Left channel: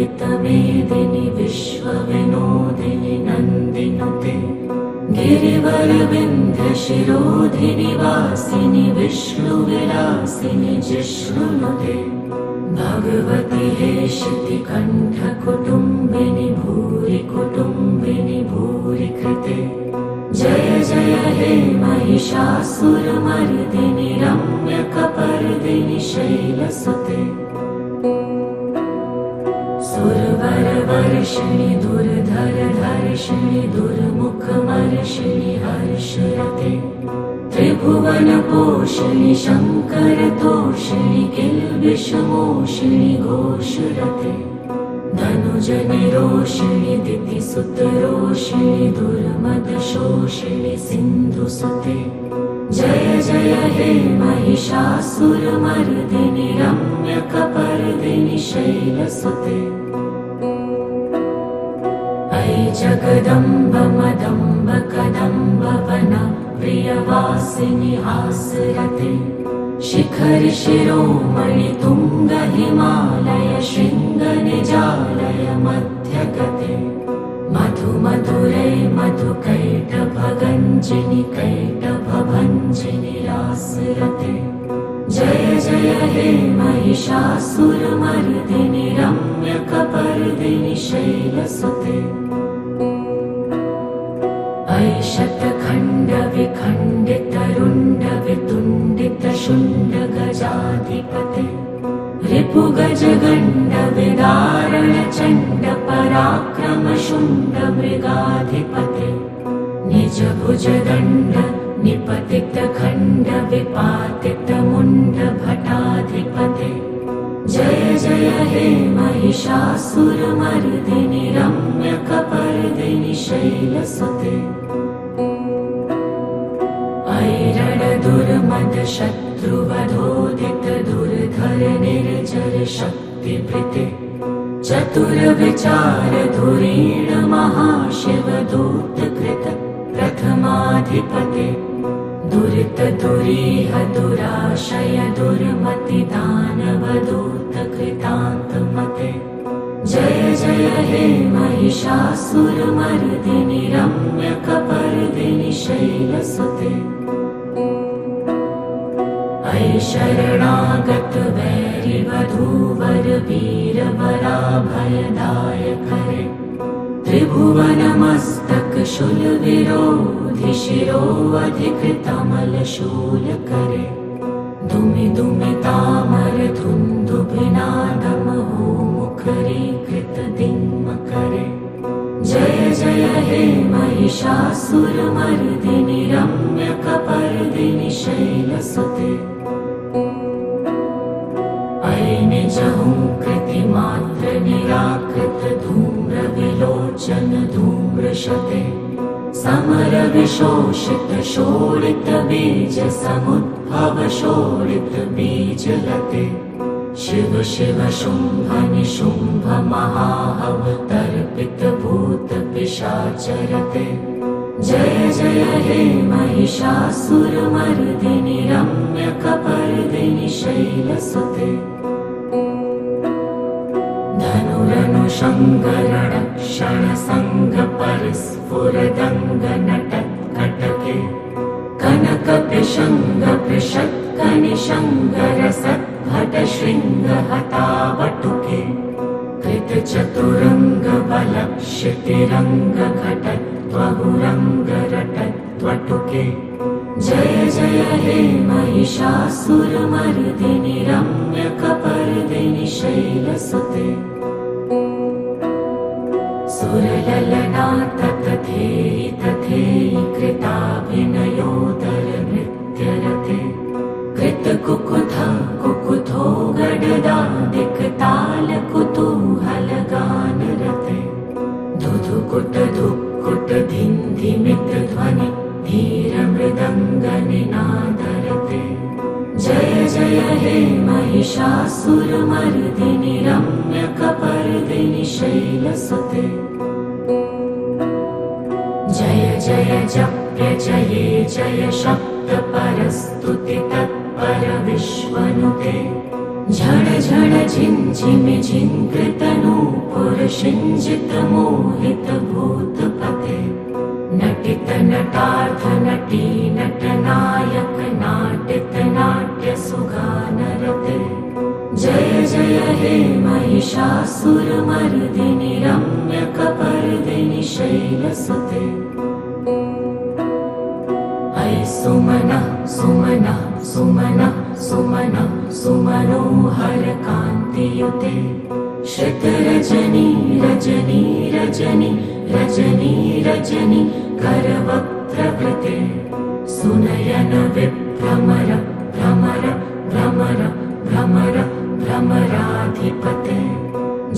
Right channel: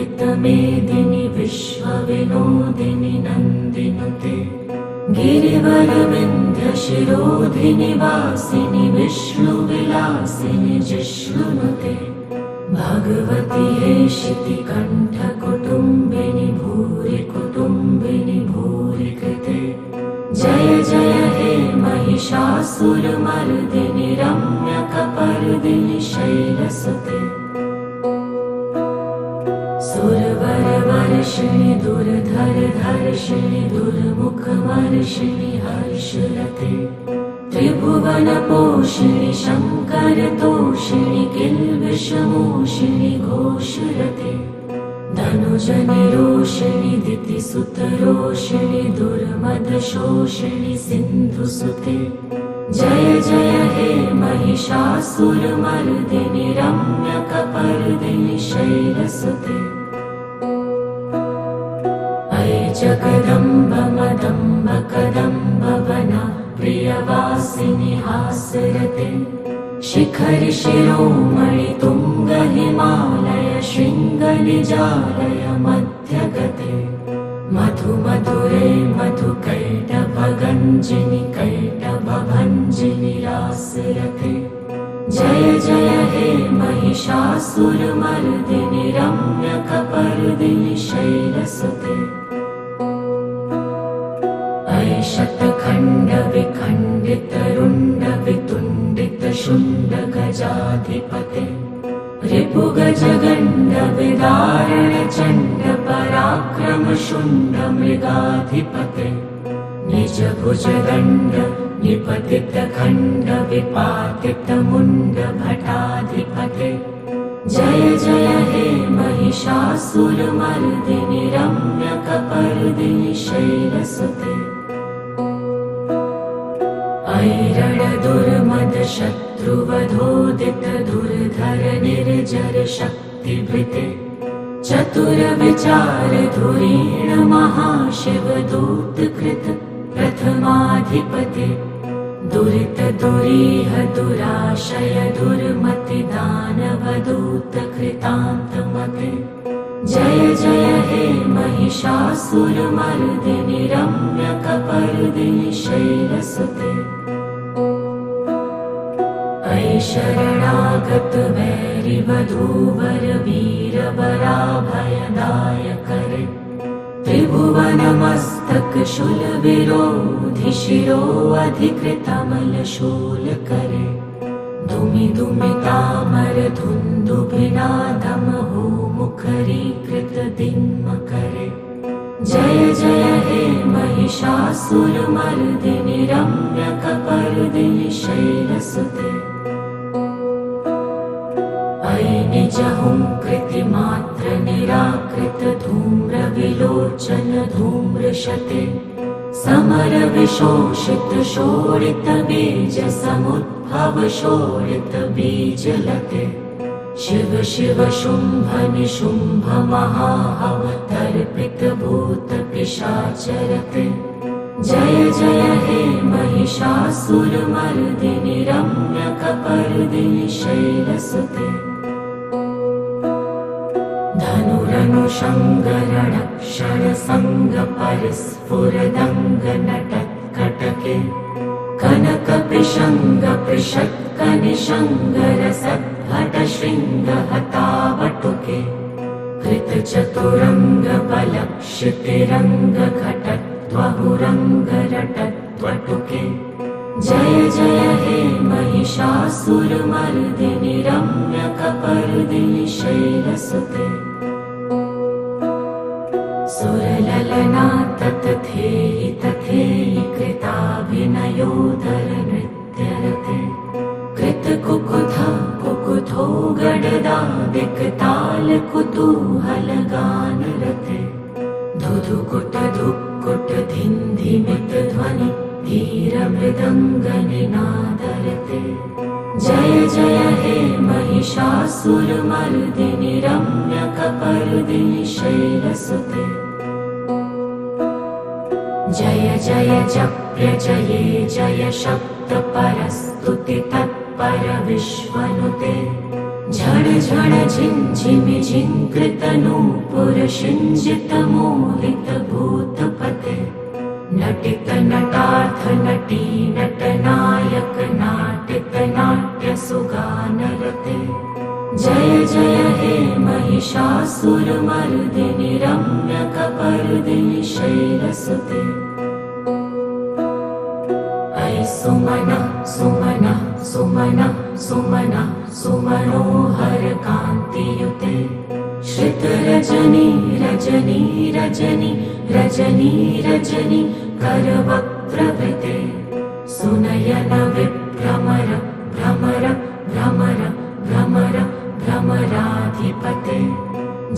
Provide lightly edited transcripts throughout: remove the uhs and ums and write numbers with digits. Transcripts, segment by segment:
वन्दितमेदिनि विश्वविनोदिनि नन्दिनुते गिरिवरविन्ध्यशिरोधिनि वासिनि विष्णुविलासिनि जिष्णुनुते भगवति हेशिति कण्ठकुटुम्बिनि भूरि कुटुम्बिनि भूरि कृते जय जय हे महिषासुरमर्दिनि रम्यकपर्दिनि शैलसुते सुरवरवर्षिणि दुर्धरधर्षिणि दुर्मुखमर्षिणि हर्षरते त्रिभुवनपोषिणि शङ्करतोषिणि किल्बिषमोषिणि घोषरते धनुजनिरोषिणि दितिसुतरोषिणि दुर्मदशोषिणि सिन्धुसुते जय जय हे महिषासुरमर्दिनि रम्यकपर्दिनि शैलसुते अयि जगदम्ब मदम्ब कदम्ब वन प्रियवासिनि हासरते शिखरि शिरोमणि तुङ्ग हिमालय शृङ्ग निजालय मध्यगते मधु मधुरे मधुकैटभगञ्जिनि कैटभभञ्जिनि रासरते जय जय हे महिषासुरमर्दिनि रम्यकपर्दिनि शैलसुते अयि शतखण्ड विखण्डित रुण्ड वितुण्डित शुण्ड गजाधिपते रिपुगजगण्ड विदारण चण्ड पराक्रम शुण्ड मृगाधिपते निज भुजदण्ड निपतित खण्ड विपातित मुण्ड भटाधिपते जय जय हे महिषासुरमर्दिनि रम्यकपर्दिनि शैलसुते ऐरणदुर्मद शत्रुवधोदित दुर्धर निर्जर शक्तिभृते चतुरविचार धुरीण महाशिवदूतकृत प्रथमाधिपते दुरित दुरीह दुराशय दुर्मति दानवदूत कृतान्तमते जय जय हे महिषासुरमर्दिनि रम्यकपर्दिनि शैलसुते अयि शरणागत वैरिवधूवर वीरवराभयदायकरे त्रिभुवनमस्तक शूलविरोधि शिरोऽधिकृतमलशूलकरे दुमि दुमितामर धुन्दुभिनादमहो मुखरीकृत दिङ्मकरे जय जय हे महिषासुरमर्दिनि रम्यकपर्दिनि शैलसुते अयि निजहुङ्कृतिमात्र निराकृत धूम्रविलोचन धूम्रशते समर विशोषित शोणित बीज समुद्भव शोणित बीजलते शिव शिव शुम्भ निशुम्भ महाहवतर्पित भूत पिशाचरते जय जय हे महिषासुरमर्दिनि रम्यकपर्दिनि शैलसुते धनुरनुषङ्गरणक्षण सङ्ग परिस्फुरदङ्ग नटत्कटके कनकपिशङ्ग पृषत्कनिशङ्गरसद्भट शृङ्गहतावटुके कृतचतुरङ्ग बलक्षितिरङ्ग घटत्वहुरङ्ग रटत्वटुके जय जय हे महिषासुरमर्दिनि रम्यकपर्दिनि शैलसुते सुरललना ततथेयि तथेयि कृताभिनयोदर नृत्यरते कृतकुकुथ कुकुथो गडदादिकताल कुतूहलगानरते धुधुकुट धुक्कुट धिन्धिमित ध्वनि धीरमृदङ्गनिनादरते जय जय हे महिषासुरमर्दिनि रम्यकपर्दिनि शैलसुते जय जय जप्य जये जय शब्द परस्तुति तत्पर विश्वनुते झण झण झिञ्झिमि झिङ्कृतनूपुरशिञ्जितमोहितभूतपते नटित नटार्थ नटी नटनायक नाटित नाट्यसुगानरते जय जय हे महिषासुरमर्दिनि रम्यकपर्दिनि शैलसुते अयि सुमनः सुमनः सुमनः सुमनः सुमनोहर कान्तियुते श्रितरजनी रजनी रजनी रजनी रजनी करवक्त्रवृते सुनयन विभ्रमर भ्रमर भ्रमर भ्रमर भ्रमराधिपते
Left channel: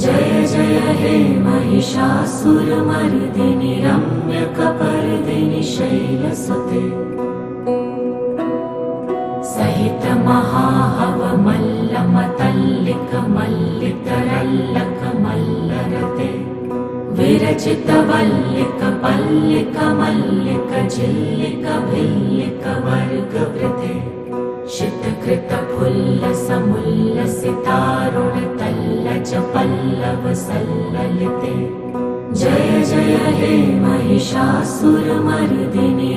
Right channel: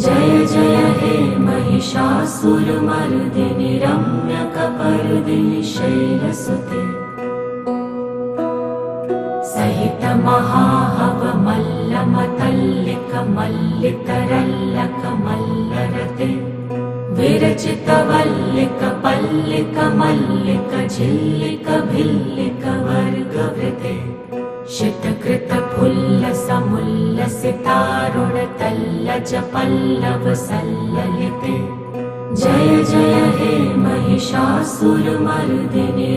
जय जय हे महिषासुरमर्दिनि रम्यकपर्दिनि शैलसुते सहित महाहवमल्लमतल्लिकमल्लितरल्लकमल्लरते विरचितवल्लिकपल्लिकमल्लिक झिल्लिकभिल्लिकवर्गवृते शितकृतफुल्लसमुल्लसितारुणतल्लजपल्लवसल्ललिते जय जय हे महिषासुरमर्दिनि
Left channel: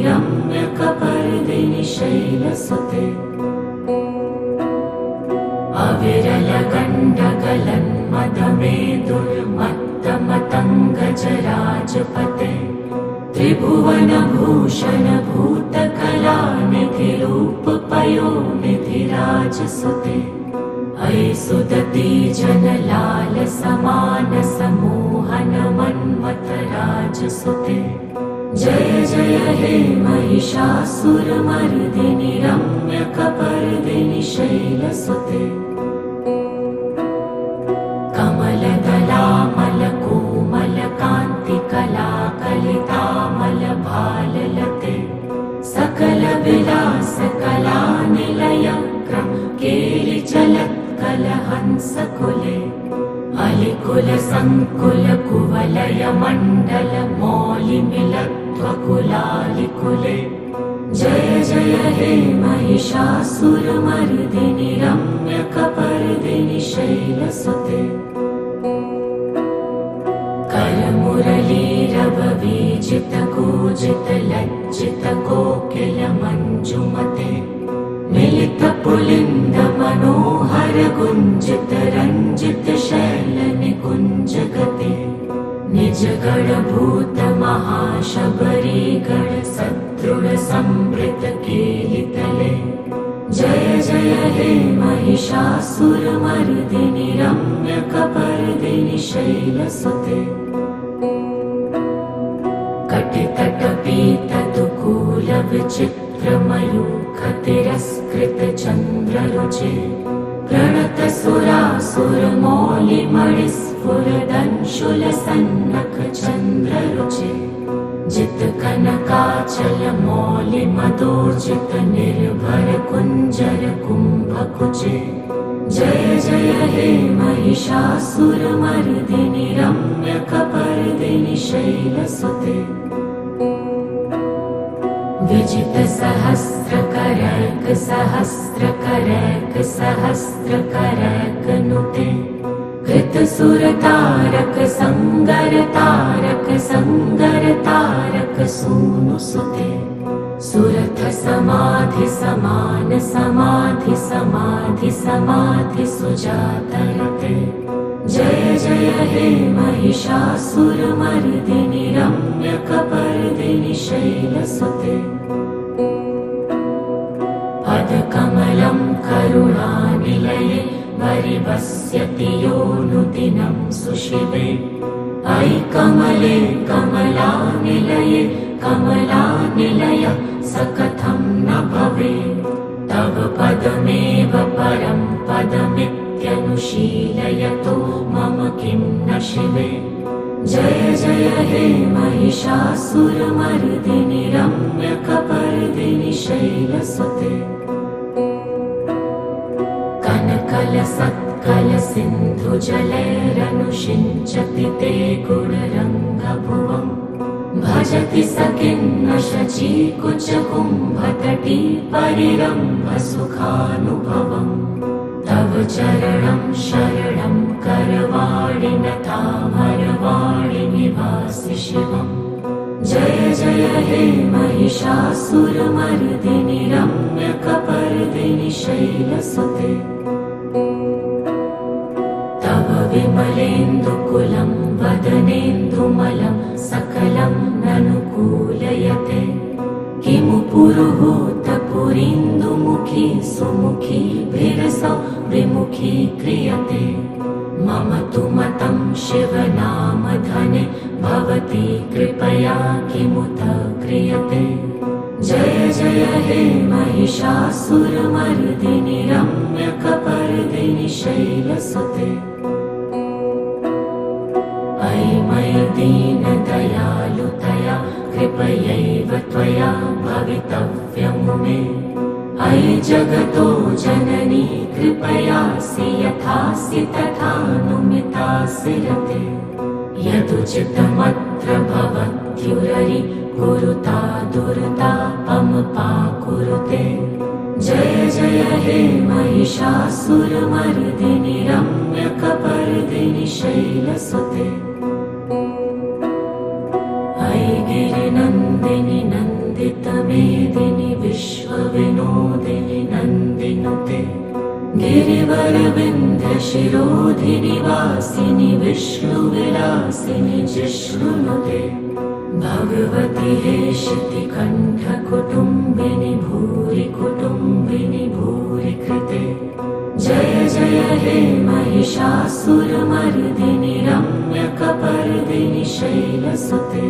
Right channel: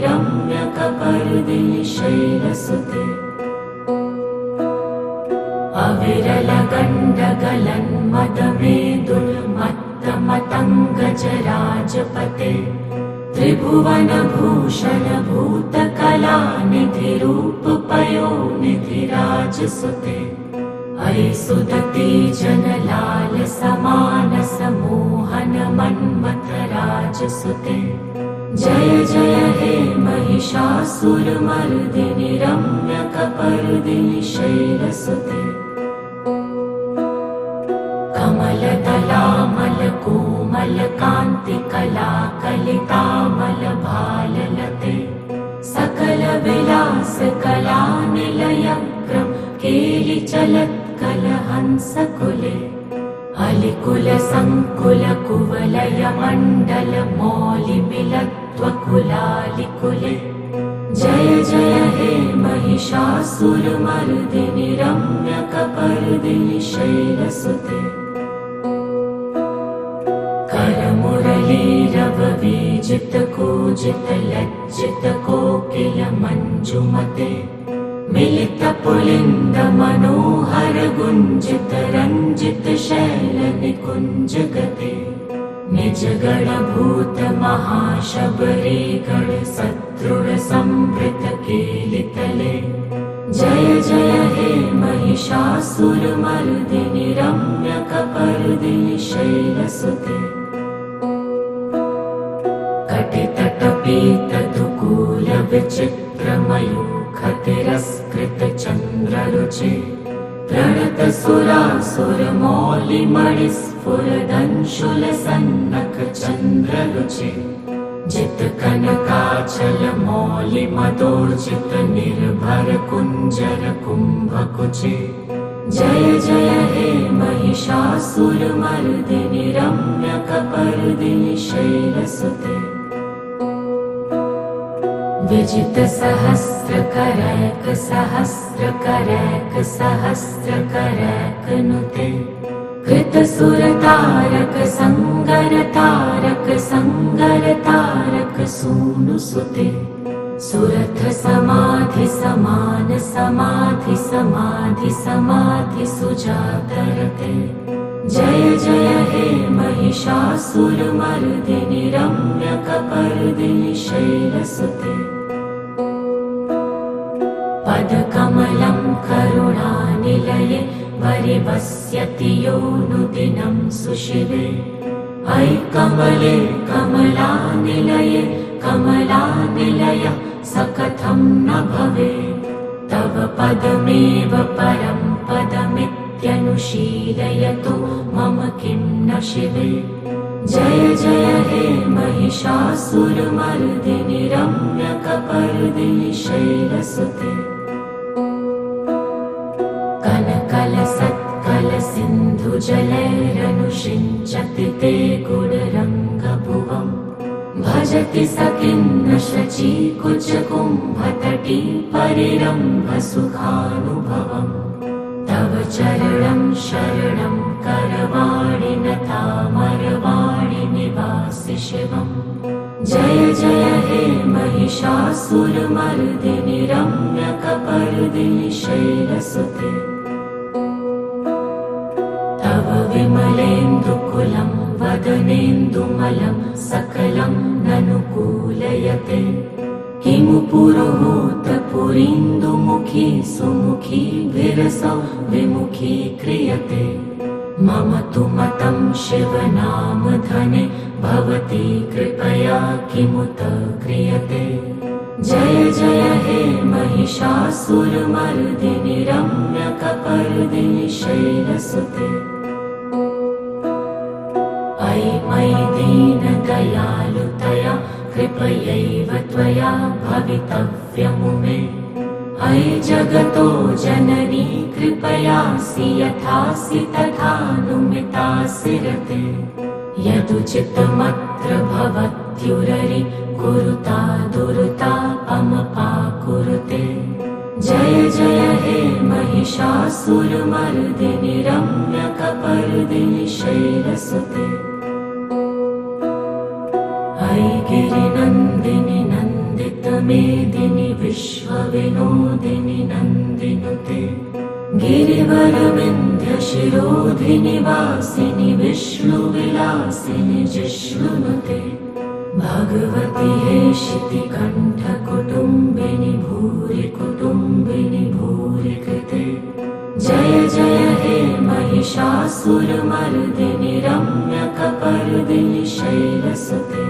रम्यकपर्दिनि शैलसुते अविरलगण्डगलन्मदमेदुर्मत्तमतङ्गजराजपते त्रिभुवनभूषणभूतकलानिधिरूपपयोनिधिराजसुते अयि सुदती जनलालसमानसमोहनमन्मथराजसुते जय जय हे महिषासुरमर्दिनि रम्यकपर्दिनि शैलसुते कमलदलामलकोमलकान्तिकलाकलितामलभाललते सकलविलासकलानिलयग्रं केलिचलत्कलहंसकुले अलिकुलसङ्कुलकुवलयमण्डलमौलिमिलत्वकुलालिकुले जय जय हे महिषासुरमर्दिनि रम्यकपर्दिनि शैलसुते करमुरलीरववीजितकूजितलज्जितकोकिलमञ्जुमते मिलितपुलिन्दमनोहरगुञ्जितरञ्जितशैलनिकुञ्जगते निजगणभूतमहाशबरीगणसदृढसंवृतकेलितले जय जय हे महिषासुरमर्दिनि रम्यकपर्दिनि शैलसुते कटितटपीतदुकूलविचित्रमयूखतिरस्कृतचन्द्ररुचे प्रणतसुरासुरमौलिमणिस्फुरदंशुलसन्नकचन्द्ररुचे जितकनकाचलमौलिमदोर्जितनिर्भरकुञ्जरकुम्भकुचे जय जय हे महिषासुरमर्दिनि रम्यकपर्दिनि शैलसुते विजितसहस्रकरैकसहस्रकरैकसहस्रकरैकनुते कृतसुरतारक संगरतारक संगरतारक सूनुसुते सुरथ समाधि समान समाधि समाधि समाधि सुजातरते जय जय हे महिषासुरमर्दिनि रम्यकपर्दिनि शैलसुते पदकमलं करुणानिलये वरिवस्यति योऽनुदिनं सुशिवे अयि कमले कमलानिलये कमलानिलयः स कथं न भवेत् तव पदमेव परं पदमित्यनुशीलयतो मम किं न शिवे जय जय हे महिषासुरमर्दिनि रम्यकपर्दिनि शैलसुते कनकलसत्कलसिन्धुजलैरनुषिञ्चति ते गुणरङ्गभुवम् भजति स किन्न शचीकुचकुम्भतटी परिरम्भसुखानुभवम् तव चरणं शरणं करवाणि नताभरवाणि निवासि शिवम्। जय जय हे महिषासुरमर्दिनि रम्यकपर्दिनि शैलसुते। तव विमलेन्दुकुलं वदनेन्दुमलं सकलं ननुकूलयते। किमु पुरुहूतपुरीन्दुमुखी सुमुखी भिरसौ विमुखी क्रियते। मम तु मतं शिवनामधने भवती कृपया किमुत क्रियते। जय जय हे महिषासुरमर्दिनि रम्यकपर्दिनि शैलसुते। अयि मयि दीनदयालुतया कृपयैव त्वया भवितव्यमुमे। अयि जगतो जननी कृपयासि यथासि तथानुमितासि रते। यदुचितमत्र भवत्युररि कुरुता दुर्तापमपाकुरुते। जय जय हे महिषासुरमर्दिनि रम्यकपर्दिनि शैलसुते। अयि गिरिनन्दिनि नन्दितमेदिनि विश्वविनोदिनि नन्दिनुते। गिरिवरविन्ध्यशिरोधिनि वासिनि विष्णुविलासिनि जिष्णुनुते। भगवति हेशितिकण्ठकुटुम्बिनि भूरि कुटुम्बिनि भूरि कृते। जय जय हे महिषासुरमर्दिनि रम्यकपर्दिनि शैलसुते।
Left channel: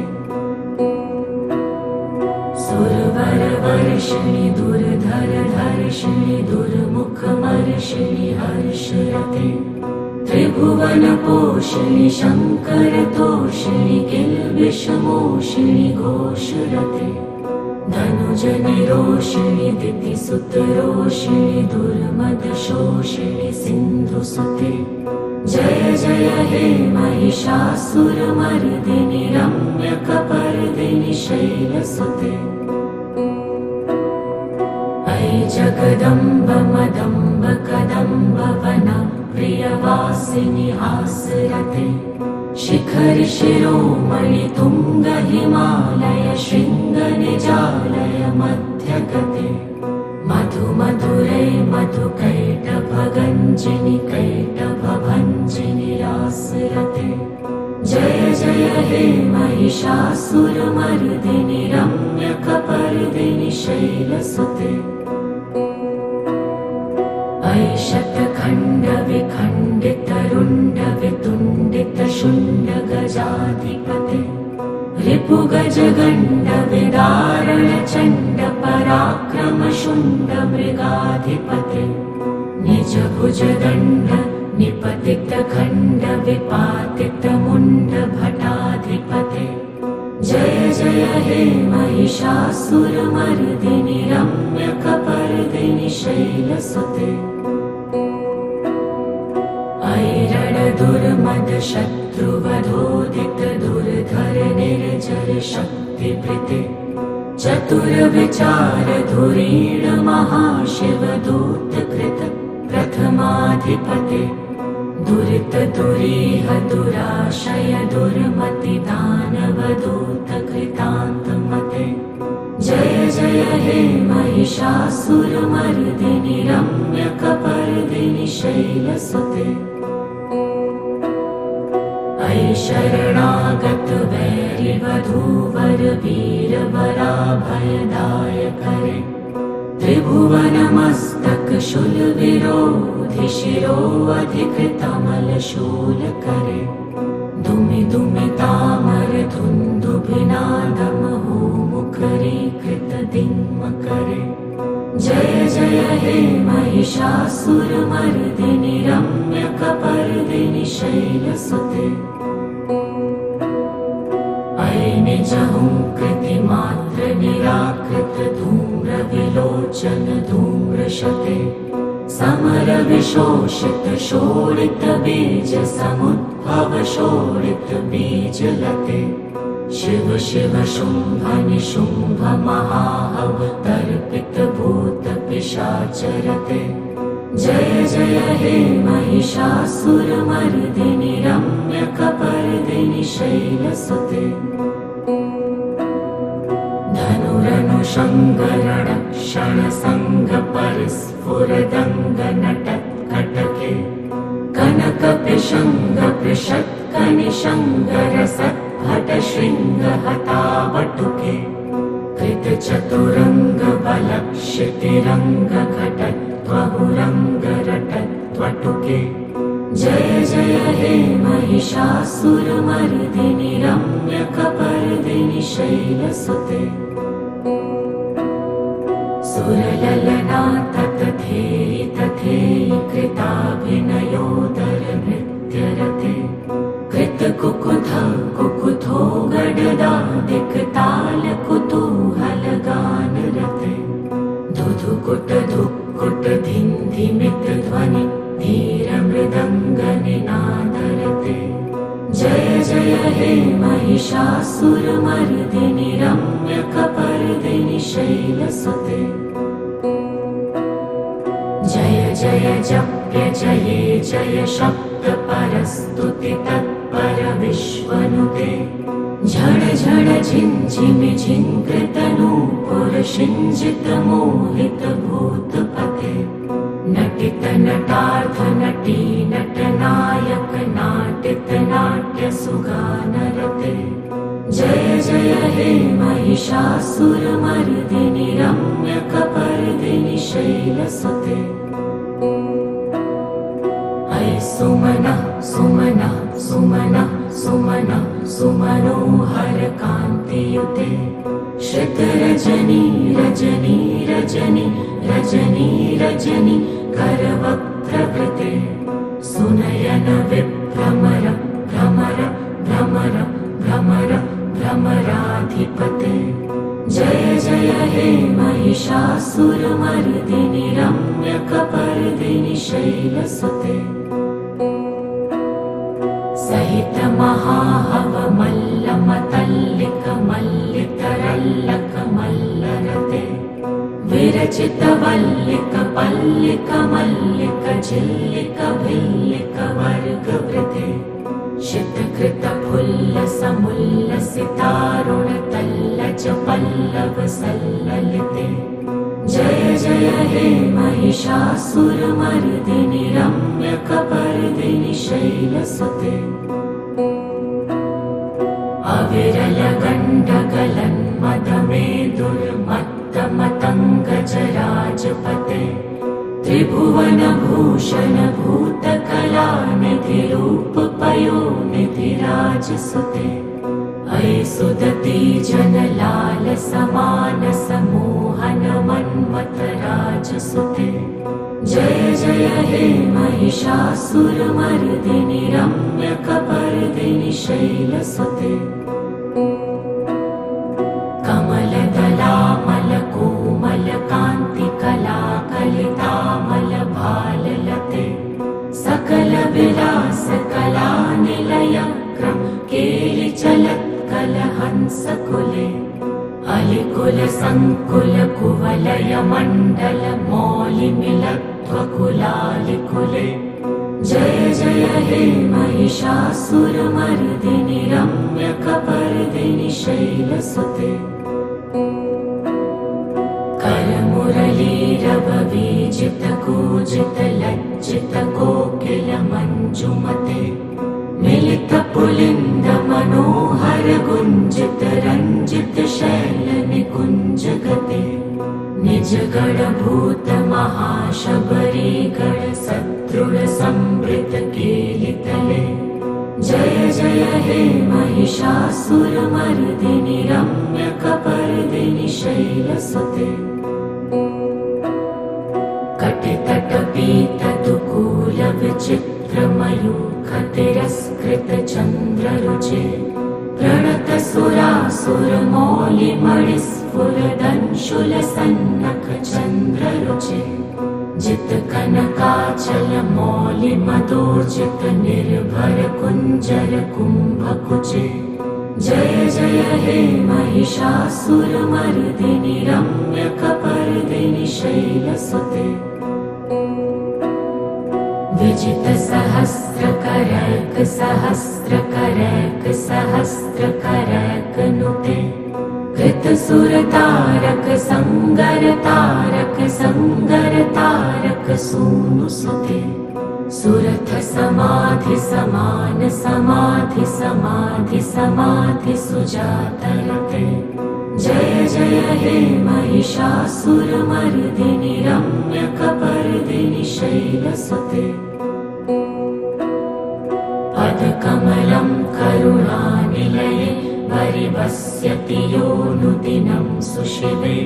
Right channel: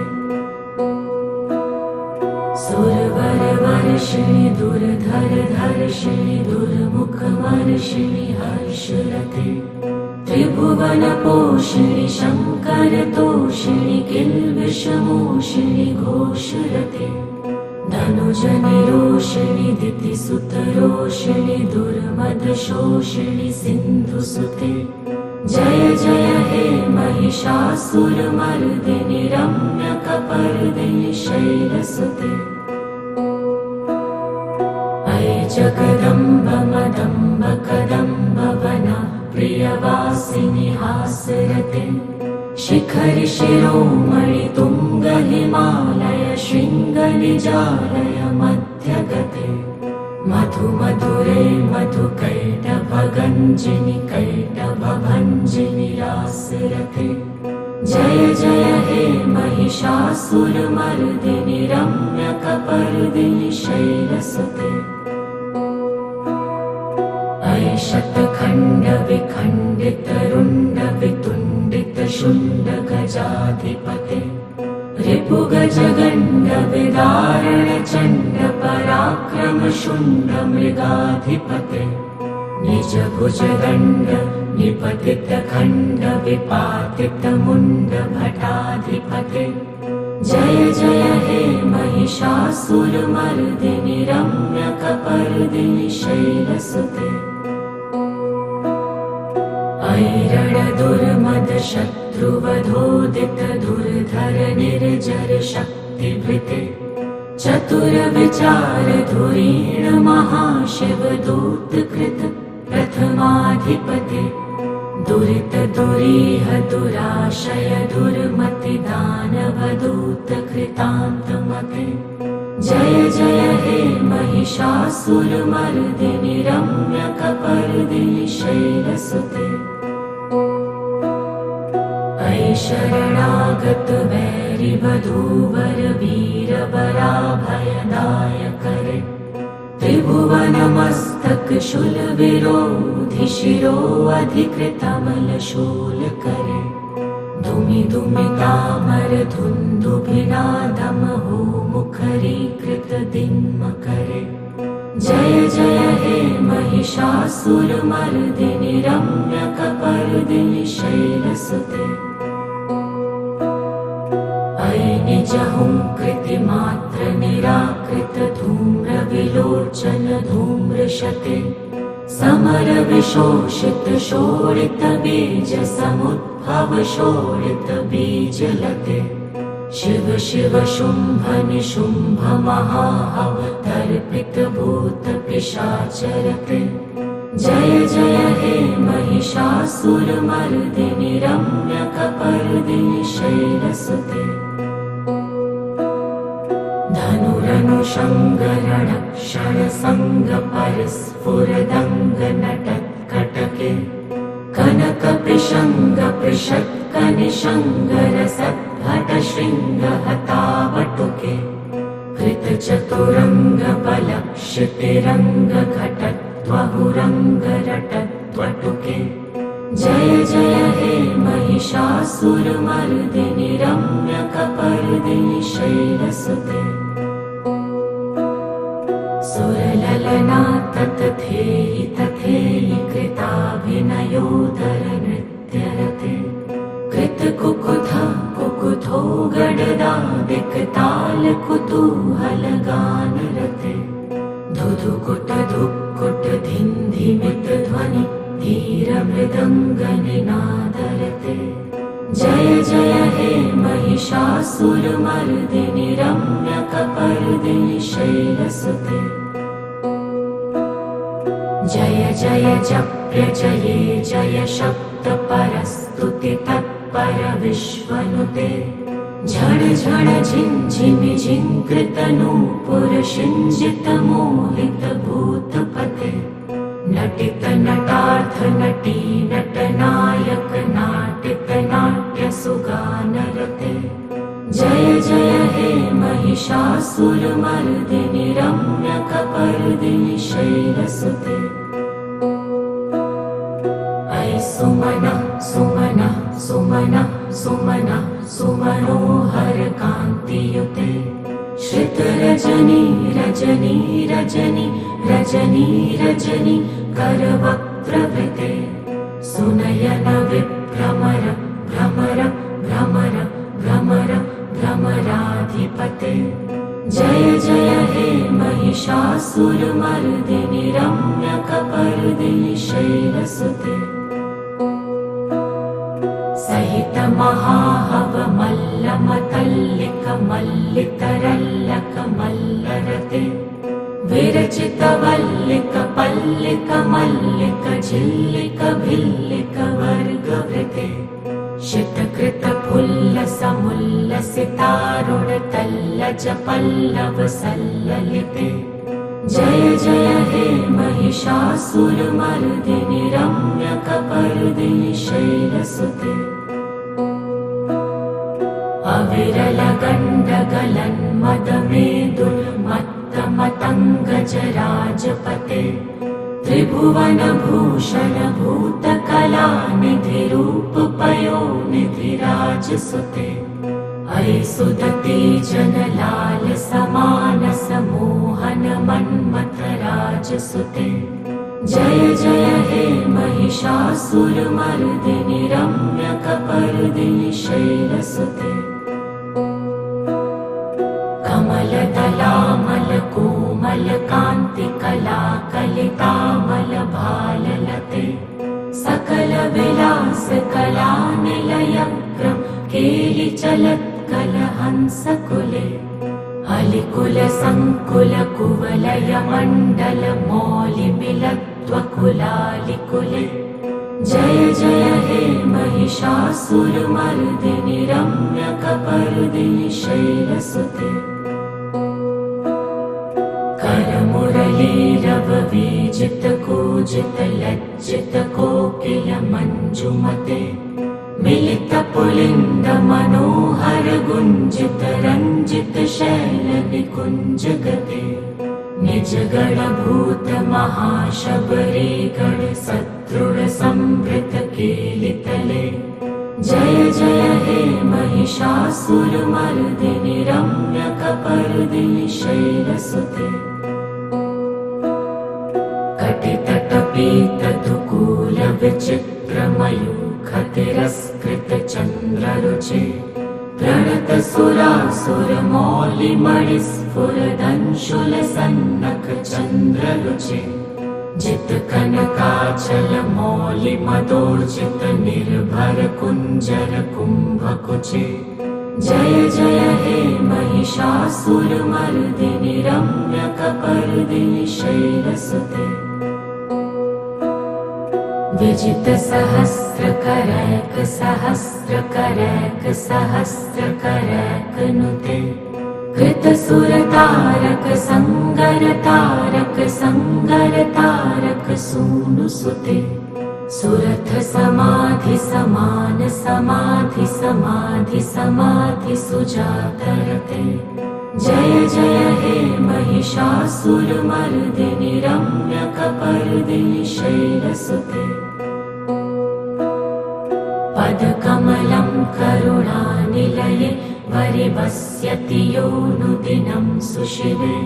सुरवरवर्षिणि दुर्धरधर्षिणि दुर्मुखमर्षिणि हर्षरते। त्रिभुवनपोषिणि शङ्करतोषिणि किल्बिषमोषिणि घोषरते। धनुजनिरोषिणि दितिसुतरोषिणि दुर्मदशोषिणि सिन्धुसुते। जय जय हे महिषासुरमर्दिनि रम्यकपर्दिनि शैलसुते। अयि जगदम्ब मदम्ब कदम्ब वन प्रियवासिनि हासरते। शिखरि शिरोमणि तुङ्ग हिमालय शृङ्ग निजालय मध्यगते। मधु मधुरे मधुकैटभगञ्जिनि कैटभभञ्जिनि रासरते। जय जय हे महिषासुरमर्दिनि रम्यकपर्दिनि शैलसुते। अयि शतखण्डविखण्डितरुण्डवितुण्डितशुण्ड गजाधिपते। रिपुगजगण्ड विदारण चण्ड पराक्रम शुण्ड मृगाधिपते। निज भुजदण्ड निपतित खण्ड विपातित मुण्ड भटाधिपते। जय जय हे महिषासुरमर्दिनि रम्यकपर्दिनि शैलसुते। अयि रणदुर्मद शत्रुवधोदित दुर्धर निर्जर शक्तिभृते। चतुरविचार धुरीण महाशिवदूतकृत प्रथमाधिपते। दुरित दुरीह दुराशय दुर्मति दानवदूतकृतान्तमते। जय जय हे महिषासुरमर्दिनि रम्यकपर्दिनि शैलसुते। अयि शरणागत वैरिवधूवर वीरवराभयदायकरे। त्रिभुवनमस्तक शूलविरोधि शिरो अधिकृतमलशूलकरे। दुमि दुमितामर धुन्दुभिनादमहो मुखरीकृत दिङ्मकरे। जय जय हे महिषासुरमर्दिनि रम्यकपर्दिनि शैलसुते। अयि निजहुङ्कृतिमात्र निराकृत धूम्रविलोचन धूम्रशते। समर विशोषित शोणित बीज समुद्भव शोणित बीजलते। शिव शिव शुम्भ निशुम्भ महाहव तर्पित भूत पिशाचरते। जय जय हे महिषासुरमर्दिनि रम्यकपर्दिनि शैलसुते धनुरनुषङ्गरणक्षणसङ्गपरिस्फुरदङ्गनटत्कटके कनकपिशङ्गपृषत्कनिशङ्गरसद्भटशृङ्गहतावटुके कृतचतुरङ्गबलक्षितिरङ्गघटत्वहुरङ्गरटत्वटुके जय जय हे महिषासुरमर्दिनि रम्यकपर्दिनि शैलसुते सुरललना ततथेयि तथेयि कृताभिनयोदरनृत्यरते कृतकुकुथ कुकुथो गडदा दिक्तालकुतूहलगानरते धुधुकुट धुक्कुट धिन्धिमित ध्वनि धीरमृदङ्गनिनादरते जय जय हे महिषासुरमर्दिनि रम्यकपर्दिनि शैलसुते जय जय जप्य जये जय शब्द परस्तुति तत्पर विश्वनुते झण झण झिञ्झिमि झिङ्कृतनूपुर शिञ्जित मोहित भूतपते नटित नटार्थ नटी नटनायक नाटित नाट्य सुगानरते जय जय हे महिषासुरमर्दिनि रम्यकपर्दिनि शैलसुते अयि सुमनः सुमनः सुमनः सुमनः सुमनोहर कान्तियुते श्रितरजनी रजनी रजनी रजनी रजनी करवक्त्रवृते सुनयन विभ्रमर भ्रमर भ्रमर भ्रमर भ्रमराधिपते जय जय हे महिषासुरमर्दिनि रम्यकपर्दिनि शैलसुते सहित महाहवमल्लमतल्लिकमल्लितरल्लकमल्लरते विरचितवल्लिकपल्लिकमल्लिक झिल्लिकभिल्लिकवर्गवृते शितकृतफुल्लसमुल्लसितारुणतल्लज पल्लवसल्ललिते जय जय हे महिषासुरमर्दिनि रम्यकपर्दिनि शैलसुते अविरलगण्डगलन्मदमेदुर्मत्तमतङ्गजराजपते त्रिभुवनभूषण भूतकलानिधिरूपपयोनिधिराजसुते अयि सुदती जनलाल समानस मोहन मन्मथराजसुते जय जय हे महिषासुरमर्दिनि रम्यकपर्दिनि शैलसुते कमलदलामलकोमलकान्तिकलाकलितामलभाललते सकलविलासकलानिलयग्रं केलिचलत्कलहंसकुले अलिकुलसङ्कुलकुवलयमण्डलमौलिमिलत्वकुलालिकुले जय जय हे महिषासुरमर्दिनि रम्यकपर्दिनि शैलसुते करमुरलीरववीजित कूजित लज्जित कोकिल मञ्जुमते मिलित पुलिन्द मनोहर गुञ्जित रञ्जित शैल निकुञ्जगते निज गणभूत महाशबरी गण सदृढ संवृत केलितले जय जय हे महिषासुरमर्दिनि रम्यकपर्दिनि शैलसुते कटितटपीतदुकूल विचित्रमयूखतिरस्कृत चन्द्ररुचे प्रणत सुरासुरमौलिमणिस्फुरदंशुलसन्नख चन्द्ररुचे जित कनकाचल मौलि मदोर्जित निर्भर कुंजर कुंभकुचे जय जय हे महिषासुरमर्दिनि रम्यकपर्दिनि शैलसुते विजित सहस्रकरैक सहस्रकरैक सहस्रकरैक नुते कृत सुर तारक संगर तारक संगर तारक सूनु सुते सुरथ समाधि समान समाधि समाधि समाधि सुजातरते जय जय हे महिषासुरमर्दिनि रम्यकपर्दिनि शैलसुते पदकमलं करुणानिलये वरिवस्यति योऽनुदिनं सुशिवे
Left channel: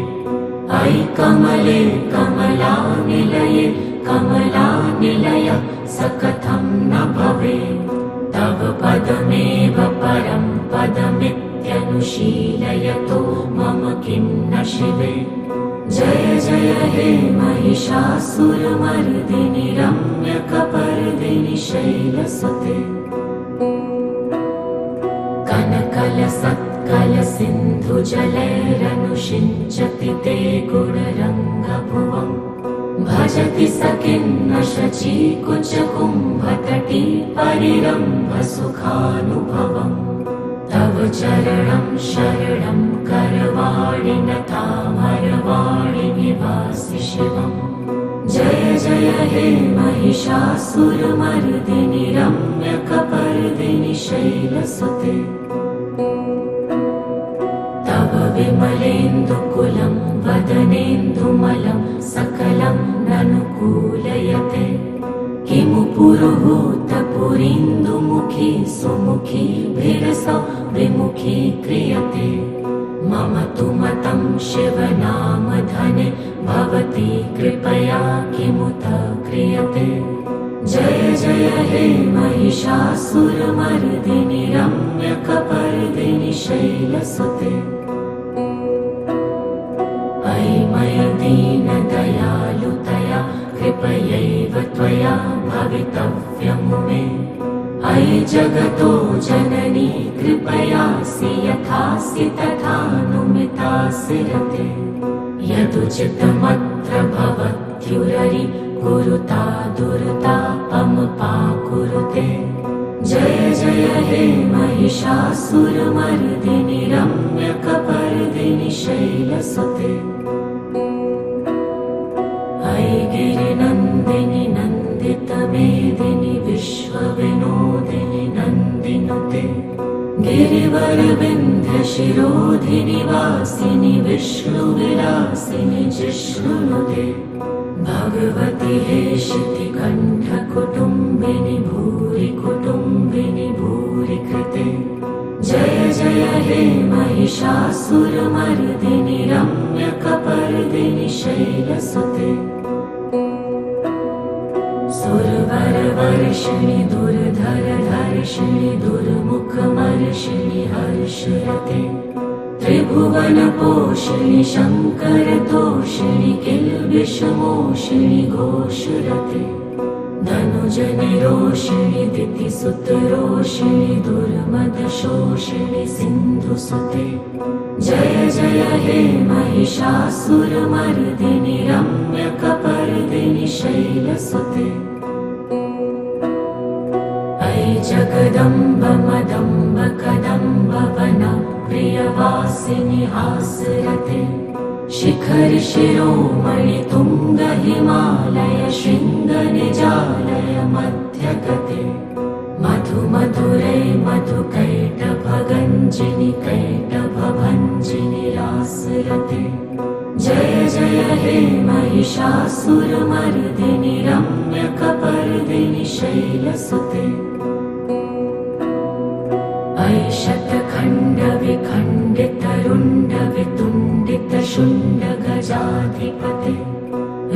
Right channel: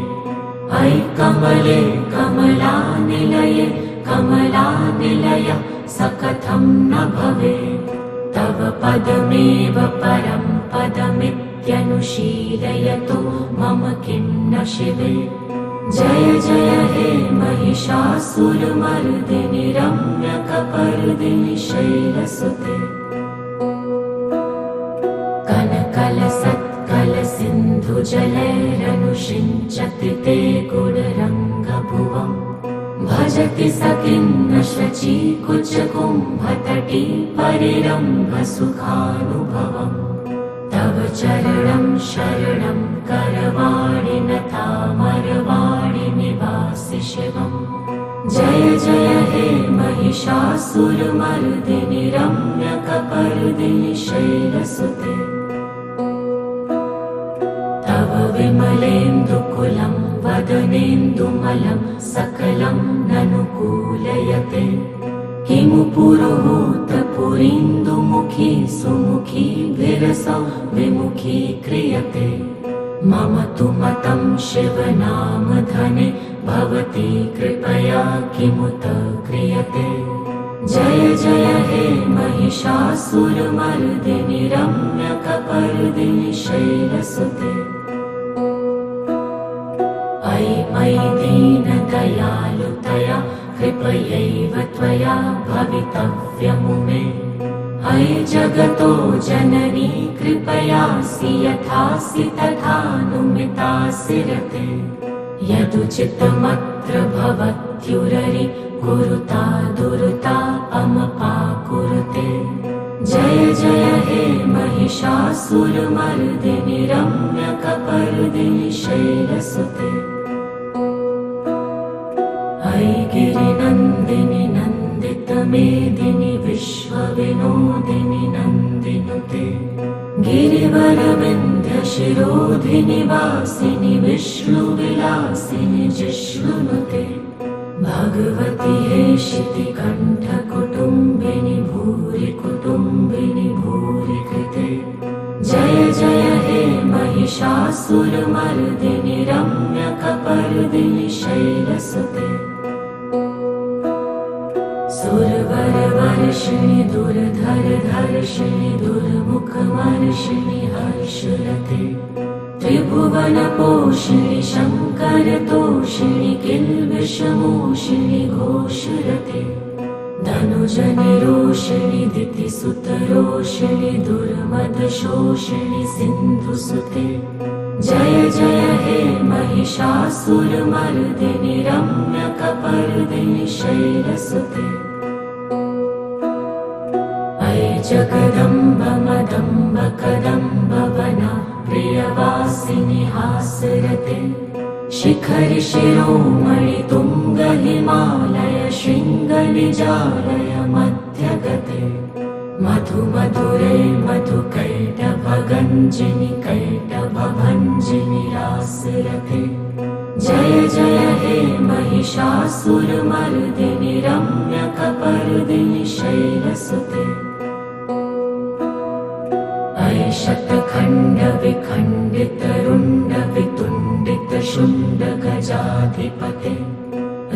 अयि कमले कमलानिलये कमलानिलय स कथं न भवेत् तव पदमेव परं पदमित्यनुशीलयतो मम किं न शिवे जय जय हे महिषासुरमर्दिनि रम्यकपर्दिनि शैलसुते कनकलसत्कलसिन्धुजलैरनुषिञ्चति ते गुणरङ्गभुवम् भजति स किन्न शचीकुचकुम्भतटी परिरम्भसुखानुभवम् तव चरणं शरणं करवाणि नतामरवाणि निवासि शिवम् जय जय हे महिषासुरमर्दिनि रम्यकपर्दिनि शैलसुते तव विमलेन्दुकुलं वदनेन्दुमलं सकलं ननुकूलयते किमु पुरुहूतपुरीन्दुमुखी सुमुखी विरसौ विमुखी क्रियते मम तु मतं शिवनामधने भवती कृपया किमुत क्रियते जय जय हे महिषासुरमर्दिनि रम्यकपर्दिनि शैलसुते अयि मयि दीनदयालुतया कृपयैव त्वया भवितव्यमुमे अयि जगतो जननी कृपयासि यथासि तथानुमितासि रते यदुचितमत्र भवत्युररि कुरुता दुरता अमपाकुरुते जय जय हे महिषासुरमर्दिनि रम्यकपर्दिनि शैलसुते अयि गिरिनन्दिनि नन्दितमेदिनि विश्वविनोदिनि नन्दिनुते गिरिवरविन्ध्यशिरोधिनि वासिनि विष्णुविलासिनि जिष्णुनुते भगवति हेशितिकण्ठकुटुम्बिनि भूरि कुटुम्बिनि भूरि कृते जय जय हे महिषासुरमर्दिनि रम्यकपर्दिनि शैलसुते सुरवरवर्षिणि दुर्धरधर्षिणि दुर्मुखमर्षिणि हर्षरते त्रिभुवनपोषिणि शङ्करतोषिणि किल्बिषमोषिणि घोषरते धनुजनिरोषिणि दितिसुतरोषिणि दुर्मदशोषिणि सिन्धुसुते जय जय हे महिषासुरमर्दिनि रम्यकपर्दिनि शैलसुते अयि जगदम्ब मदम्ब कदम्ब वन प्रियवासिनि हासरते शिखरि शिरोमणि तुङ्ग हिमालय शृङ्ग निजालय मध्यगते मधु मधुरे मधुकैटभगञ्जिनि कैटभभञ्जिनि रासरते जय जय हे महिषासुरमर्दिनि रम्यकपर्दिनि शैलसुते अयि शतखण्ड विखण्डित रुण्ड वितुण्डित शुण्ड गजाधिपते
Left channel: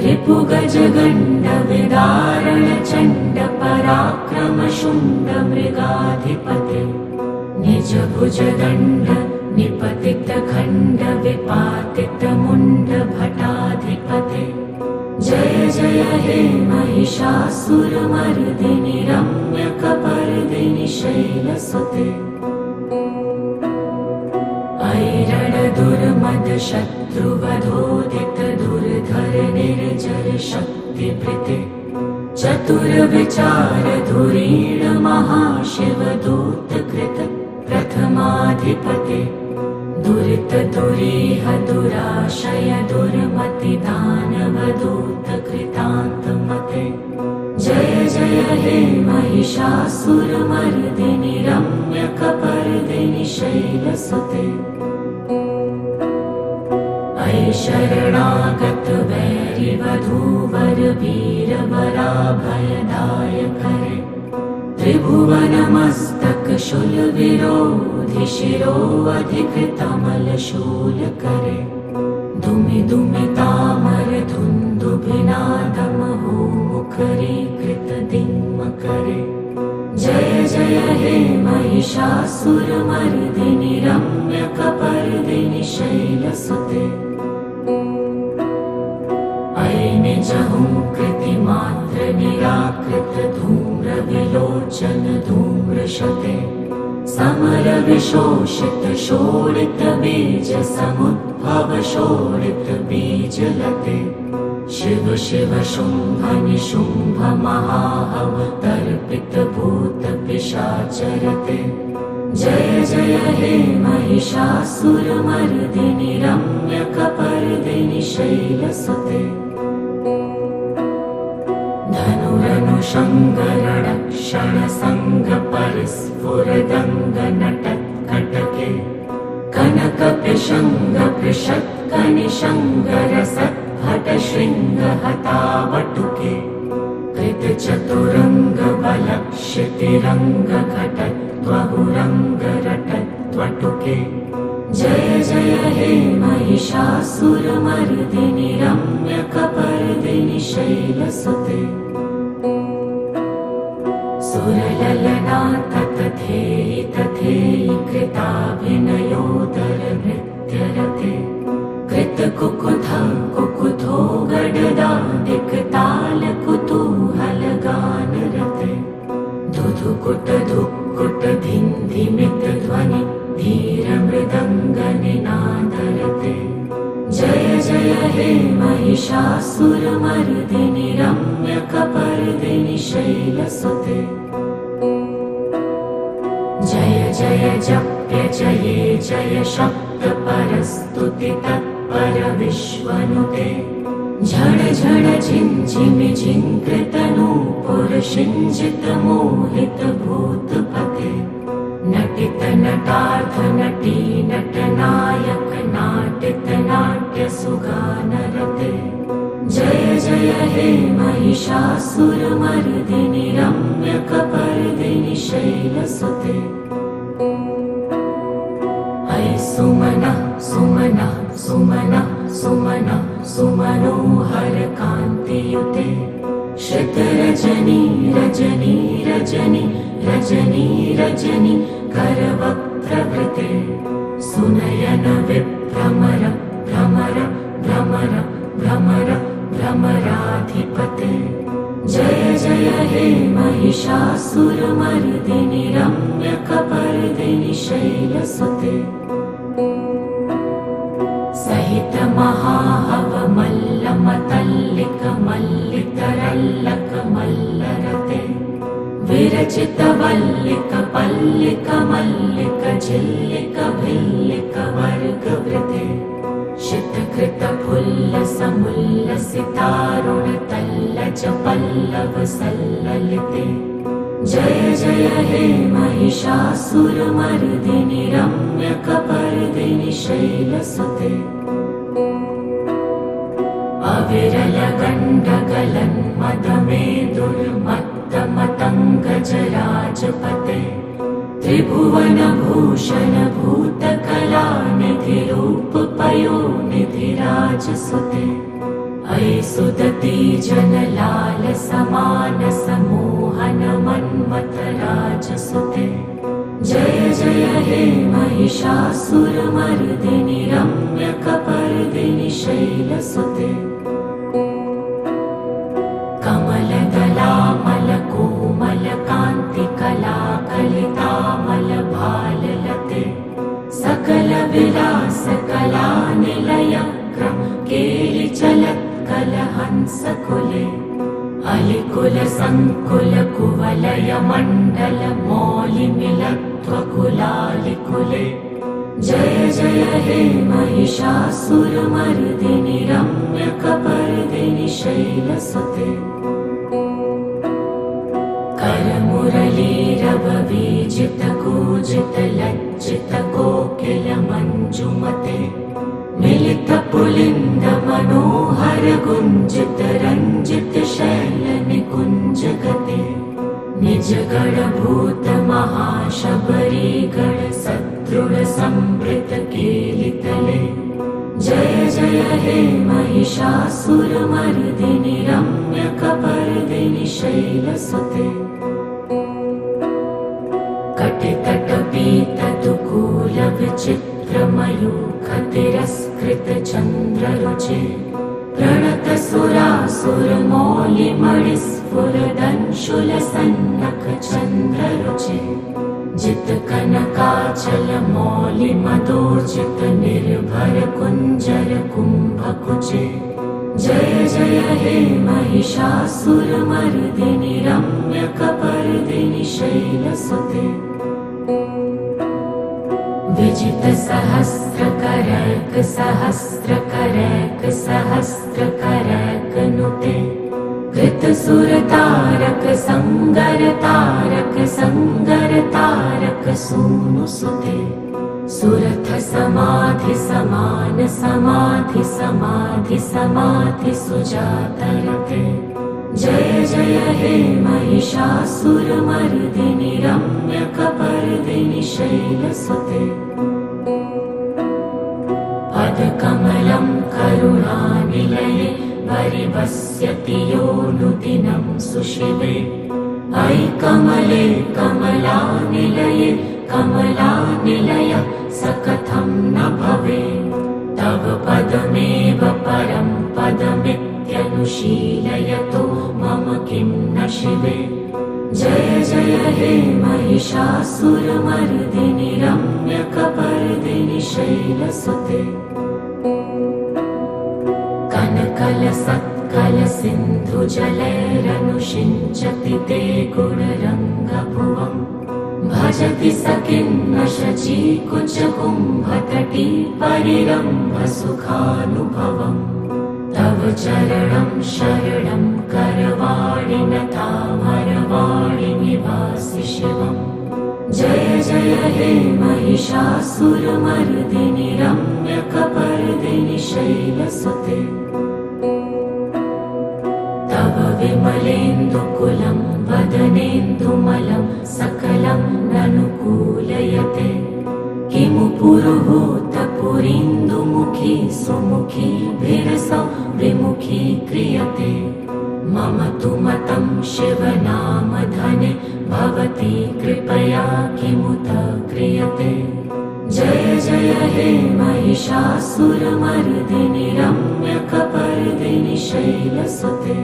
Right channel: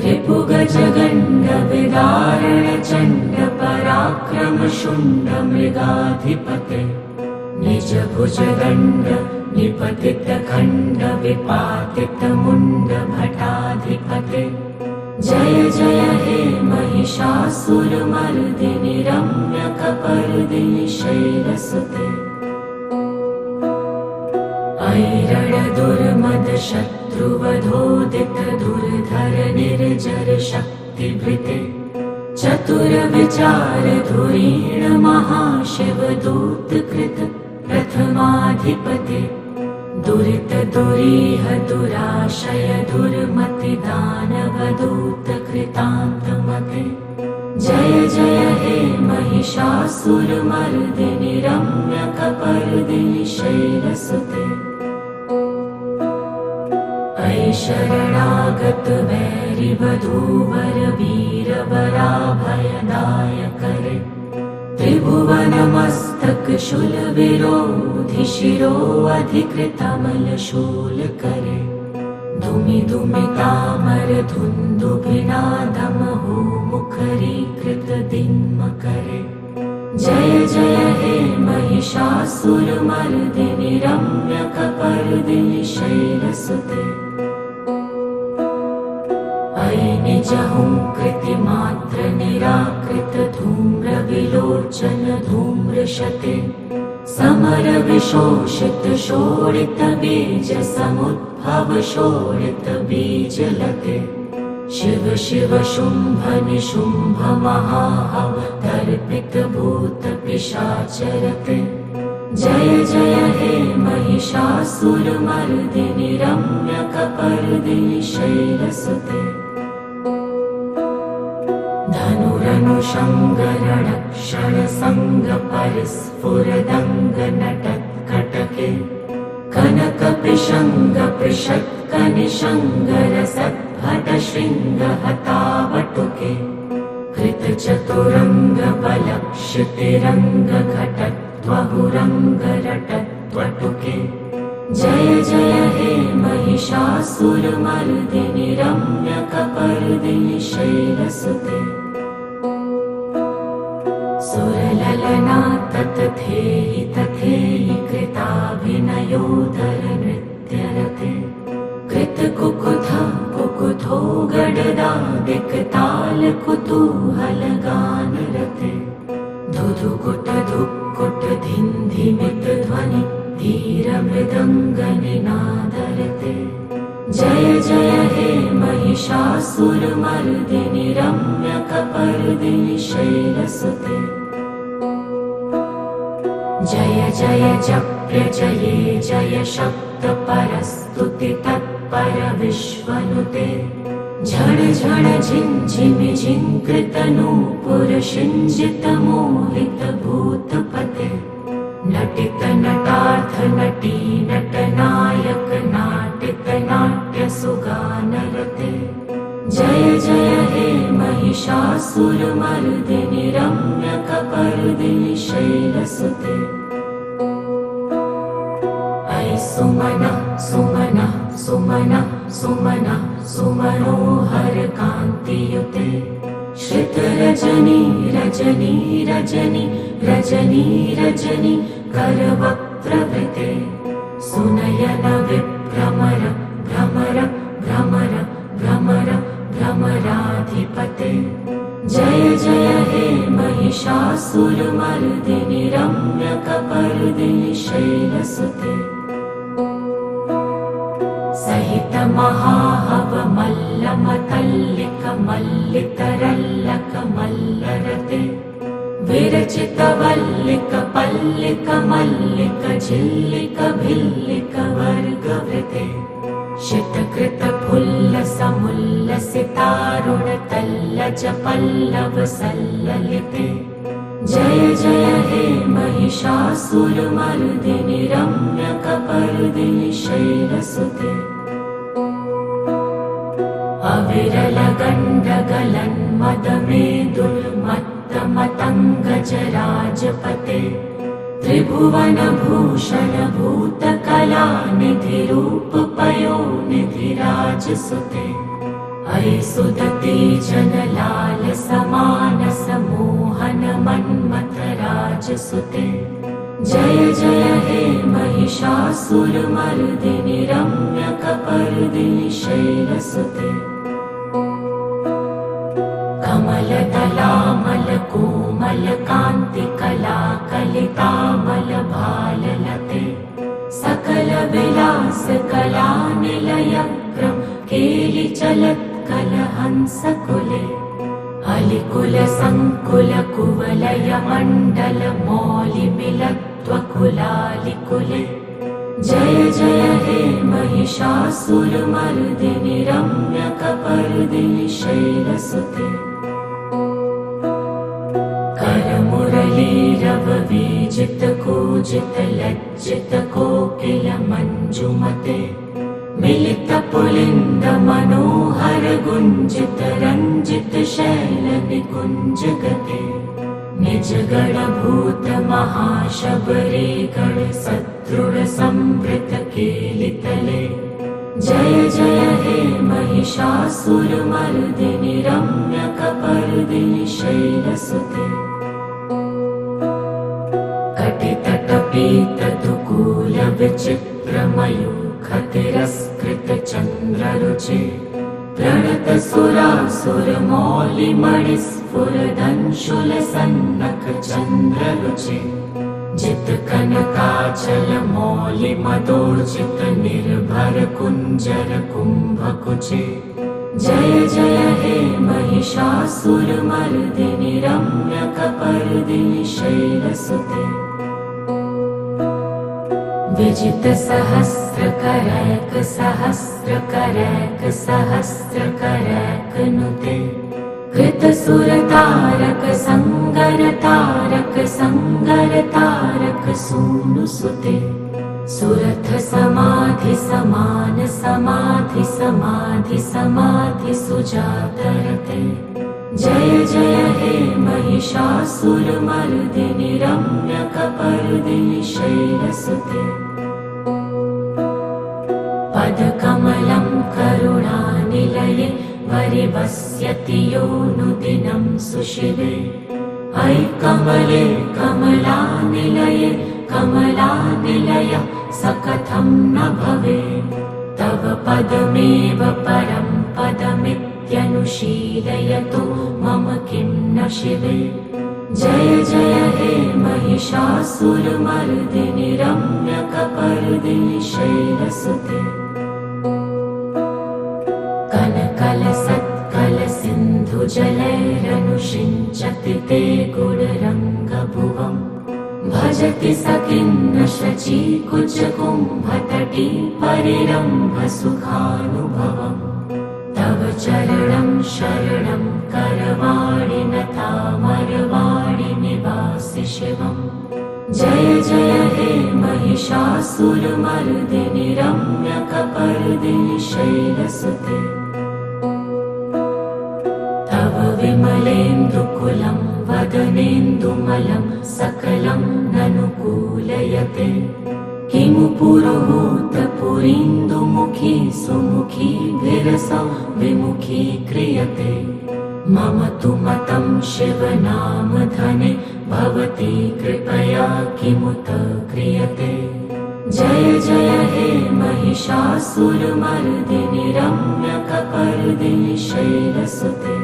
रिपुगजगण्ड विदारण चण्ड पराक्रम शुण्ड मृगाधिपते निज भुजदण्ड निपतित खण्ड विपातित मुण्ड भटाधिपते जय जय हे महिषासुरमर्दिनि रम्यकपर्दिनि शैलसुते अयि रणदुर्मद शत्रुवधोदित दुर्धर निर्जर शक्तिभृते चतुरविचारधुरीण महाशिवदूतकृत प्रथमाधिपते दुरितदुरीह दुराशय दुर्मतिदानवदूतकृतान्तमते जय जय हे महिषासुरमर्दिनि रम्यकपर्दिनि शैलसुते अयि शरणागत वैरिवधूवर वीरवराभयदायकरे त्रिभुवनमस्तक शूलविरोधि शिरोऽधिकृतमलशूलकरे धुमि धुमितामर धुन्दुभिनादमहो मुखरीकृतदिङ्मकरे जय जय हे महिषासुरमर्दिनि रम्यकपर्दिनि शैलसुते अयि निजहुंकृतिमात्र निराकृत धूम्रविलोचन धूम्रशते समरविशोषित शोणित बीज समुद्भव शोणित बीजलते शिव शिव शुंभ निशुंभ महाहवतर्पित भूत पिशाचरते जय जय हे महिषासुरमर्दिनि रम्यकपर्दिनि शैलसुते धनुरनुषङ्गरणक्षणसङ्गपरिस्फुरदङ्गनटत्कटके कनकपिशङ्गपृषत्कनिशङ्गरसद्भटशृङ्गहतावटुके कृतचतुरङ्गबलक्षितिरङ्गघटत्वहुरङ्गरटत्वटुके जय जय हे महिषासुरमर्दिनि रम्यकपर्दिनि शैलसुते सुरललना ततथेयि तथेयि कृताभिनयोदर नृत्यरते कृतकुकुथ कुकुथो गडदादिकताल कुतूहलगानरते धुधुकुट धुक्कुट धिन्धिमित ध्वनि धीरमृदङ्गनिनादरते जय जय हे महिषासुरमर्दिनि रम्यकपर्दिनि शैलसुते जय जय जप्य जये जय शब्द परस्तुति तत्पर विश्वनुते झण झण झिञ्झिमि झिङ्कृतनूपुर शिञ्जित मोहित भूतपते नटित नटार्थ नटी नटनायक नाटित नाट्य सुगानरते जय जय हे महिषासुरमर्दिनि रम्यकपर्दिनि शैलसुते अयि सुमनः सुमनः सुमनः सुमनः सुमनोहर कान्तियुते श्रितरजनी रजनी रजनी रजनी रजनी करवक्त्रवृते सुनयन विभ्रमर भ्रमर भ्रमर भ्रमर भ्रमराधिपते जय जय हे महिषासुरमर्दिनि रम्यकपर्दिनि शैलसुते सहित महाहवमल्लमतल्लिक मल्लितरल्लक मल्लरते विरचित वल्लिक पल्लिक मल्लिक झिल्लिक भिल्लिक वर्गवृते शितकृत फुल्ल समुल्लसितारुण तल्लज पल्लव सल्ललिते जय जय हे महिषासुरमर्दिनि रम्यकपर्दिनि शैलसुते अविरल गण्डगलन्मदमेदुर्मत्तमतङ्गजराजपते त्रिभुवनभूषण भूतकलानिधिरूपपयोनिधिराजसुते अयि सुदती जनलाल समान समोहन मन्मथराजसुते जय जय हे महिषासुरमर्दिनि रम्यकपर्दिनि शैलसुते कमलदलामलकोमलकान्तिकलाकलितामलभाललते सकलविलासकलानिलयक्रम केलिचलत्कलहंसकुले अलिकुल संकुलकुवलयमण्डलमौलिमिलत्वकुलालिकुले जय जय हे महिषासुरमर्दिनि रम्यकपर्दिनि शैलसुते करमुरलीरववीजितकूजितलज्जितकोकिलमञ्जुमते मिलितपुलिन्दमनोहरगुञ्जितरञ्जितशैलनिकुञ्जगते निजगणभूतमहाशबरीगणसदृढसंवृतकेलितले जय जय हे महिषासुरमर्दिनि रम्यकपर्दिनि शैलसुते कटितटपीतदुकूलविचित्रमयूखतिरस्कृतचन्द्ररुचे प्रणतसुरासुरमौलिमणिस्फुरदंशुलसन्नखचन्द्ररुचे जितकनकाचलमौलिमदोर्जितनिर्भरकुञ्जरकुम्भकुचे जय जय हे महिषासुरमर्दिनि रम्यकपर्दिनि शैलसुते विजितसहस्रकरैकसहस्रकरैकसहस्रकरैकनुते कृतसुरतारकसङ्गरतारकसङ्गरतारकसूनुसुते सुरथसमाधिसमानसमाधिसमाधिसमाधिसुजातरते जय जय हे महिषासुरमर्दिनि रम्यकपर्दिनि शैलसुते पदकमलं करुणानिलये वरिवस्यति योऽनुदिनं सुशिवे अयि कमले कमलानिलये कमलानिलयः स कथं न भवेत् तव पदमेव परं पदमित्यनुशीलयतो मम किं न शिवे जय जय हे महिषासुरमर्दिनि रम्यकपर्दिनि शैलसुते कनकलसत्कलसिन्धुजलैरनुषिञ्चति ते गुणरङ्गभुवम् भजति स किन्न शचीकुचकुम्भतटी परिरम्भसुखानुभवम् तव चरणं शरणं करवाणि नतामरवाणि निवासि शिवम् जय जय हे महिषासुरमर्दिनि रम्यकपर्दिनि शैलसुते तव विमलेन्दुकुलं वदनेन्दुमलं सकलं ननुकूलयते किमु पुरुहूतपुरीन्दुमुखी सुमुखी विरसौ विमुखी क्रियते मम तु मतं शिवनामधने भवती कृपया किमुत क्रियते जय जय हे महिषासुरमर्दिनि रम्यकपर्दिनि शैलसुते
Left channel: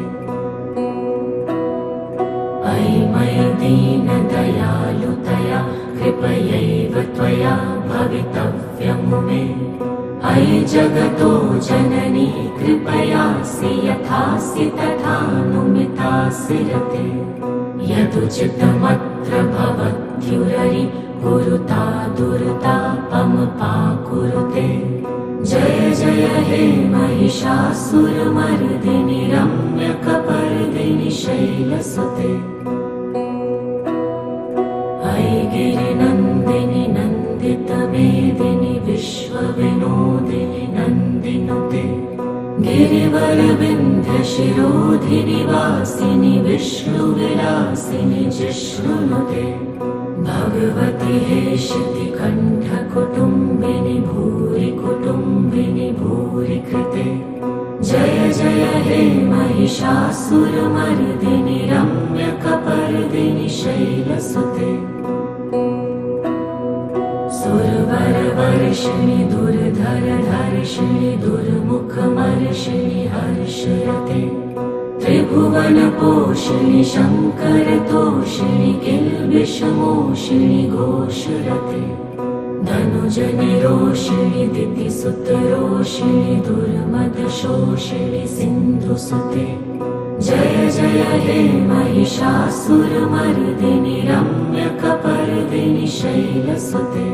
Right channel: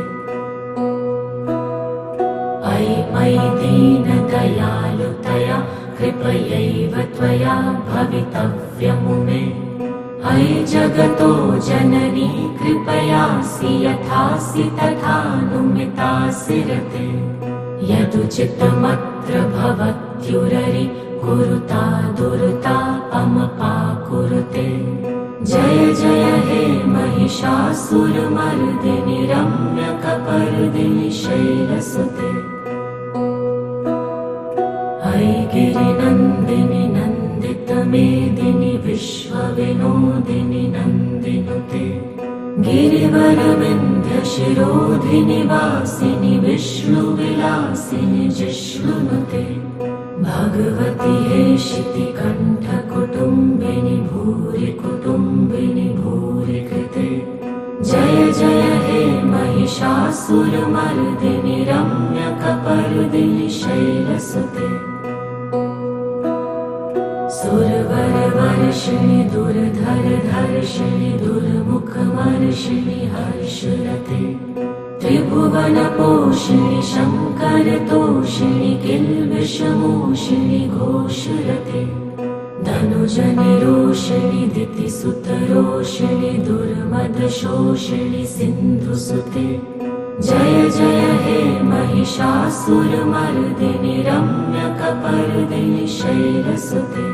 अयि मयि दीनदयालुतया कृपयैव त्वया भवितव्यमुमे अयि जगतो जननी कृपयासि यथासि तथानुमितासि रते यदुचितमत्र भवत्युररि कुरुता दुर्ता अमपाकुरुते जय जय हे महिषासुरमर्दिनि रम्यकपर्दिनि शैलसुते अयि गिरिनन्दिनि नन्दितमेदिनि विश्वविनोदिनि नन्दिनुते गिरिवरविन्ध्यशिरोधिनि वासिनि विष्णुविलासिनि जिष्णुनुते भगवति हेशितिकण्ठकुटुम्बिनि भूरि कुटुम्बिनि भूरि कृते जय जय हे महिषासुरमर्दिनि रम्यकपर्दिनि शैलसुते सुरवरवर्षिणि दुर्धरधर्षिणि दुर्मुखमर्षिणि हर्षरते त्रिभुवनपोषिणि शङ्करतोषिणि किल्बिषमोषिणि घोषरते धनुजनिरोषिणि दितिसुतरोषिणि दुर्मदशोषिणि सिन्धुसुते जय जय हे महिषासुरमर्दिनि रम्यकपर्दिनि शैलसुते।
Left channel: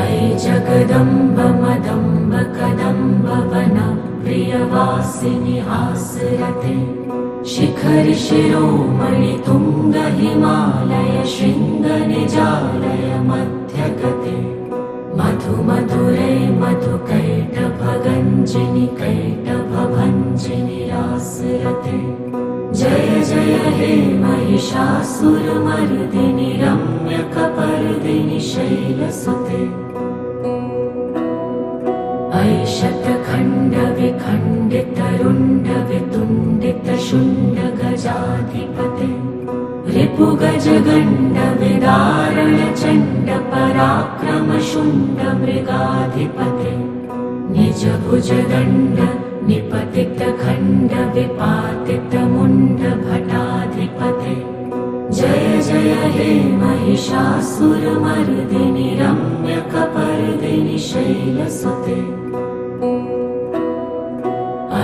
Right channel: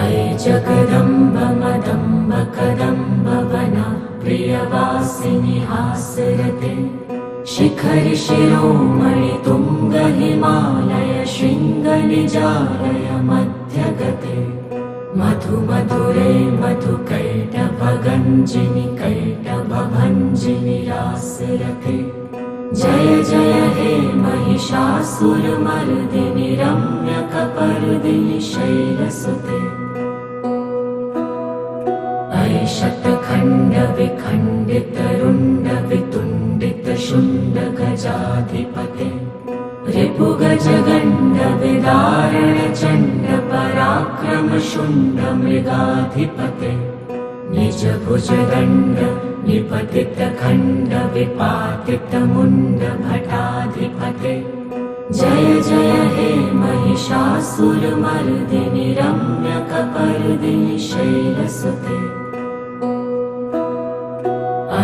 अयि जगदम्ब मदम्ब कदम्ब वन प्रियवासिनि हासरते। शिखरि शिरोमणि तुंग हिमालय शृंग निजालय मध्यगते। मधु मधुरे मधु कैटभ गंजिनि कैटभ भंजिनि रासरते। जय जय हे महिषासुरमर्दिनि रम्यकपर्दिनि शैलसुते। अयि शतखण्ड विखण्डित रुण्ड वितुण्डित शुण्ड गजाधिपते। रिपुगज गण्ड विदारण चण्ड पराक्रम शुण्ड मृगाधिपते। निज भुज दण्ड निपतित खण्ड विपातित मुण्ड भटाधिपते। जय जय हे महिषासुरमर्दिनि रम्यकपर्दिनि शैलसुते।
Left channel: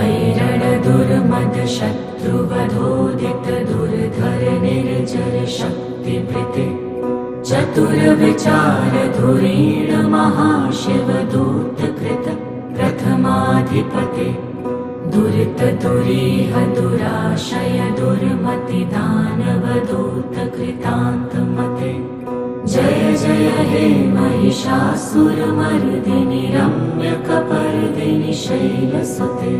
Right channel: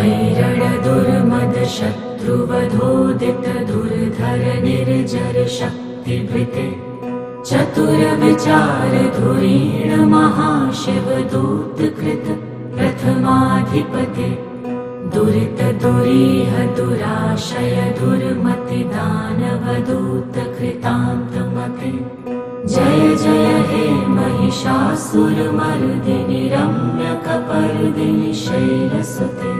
ऐरण दुर्मद शत्रुवधोदित दुर्धर निर्जर शक्तिभृते। चतुर विचार धुरीण महाशिव दूतकृत प्रथमाधिपते। दुरित दुरीह दुराशय दुर्मति दानव दूत कृतान्तमते। जय जय हे महिषासुरमर्दिनि रम्यकपर्दिनि शैलसुते।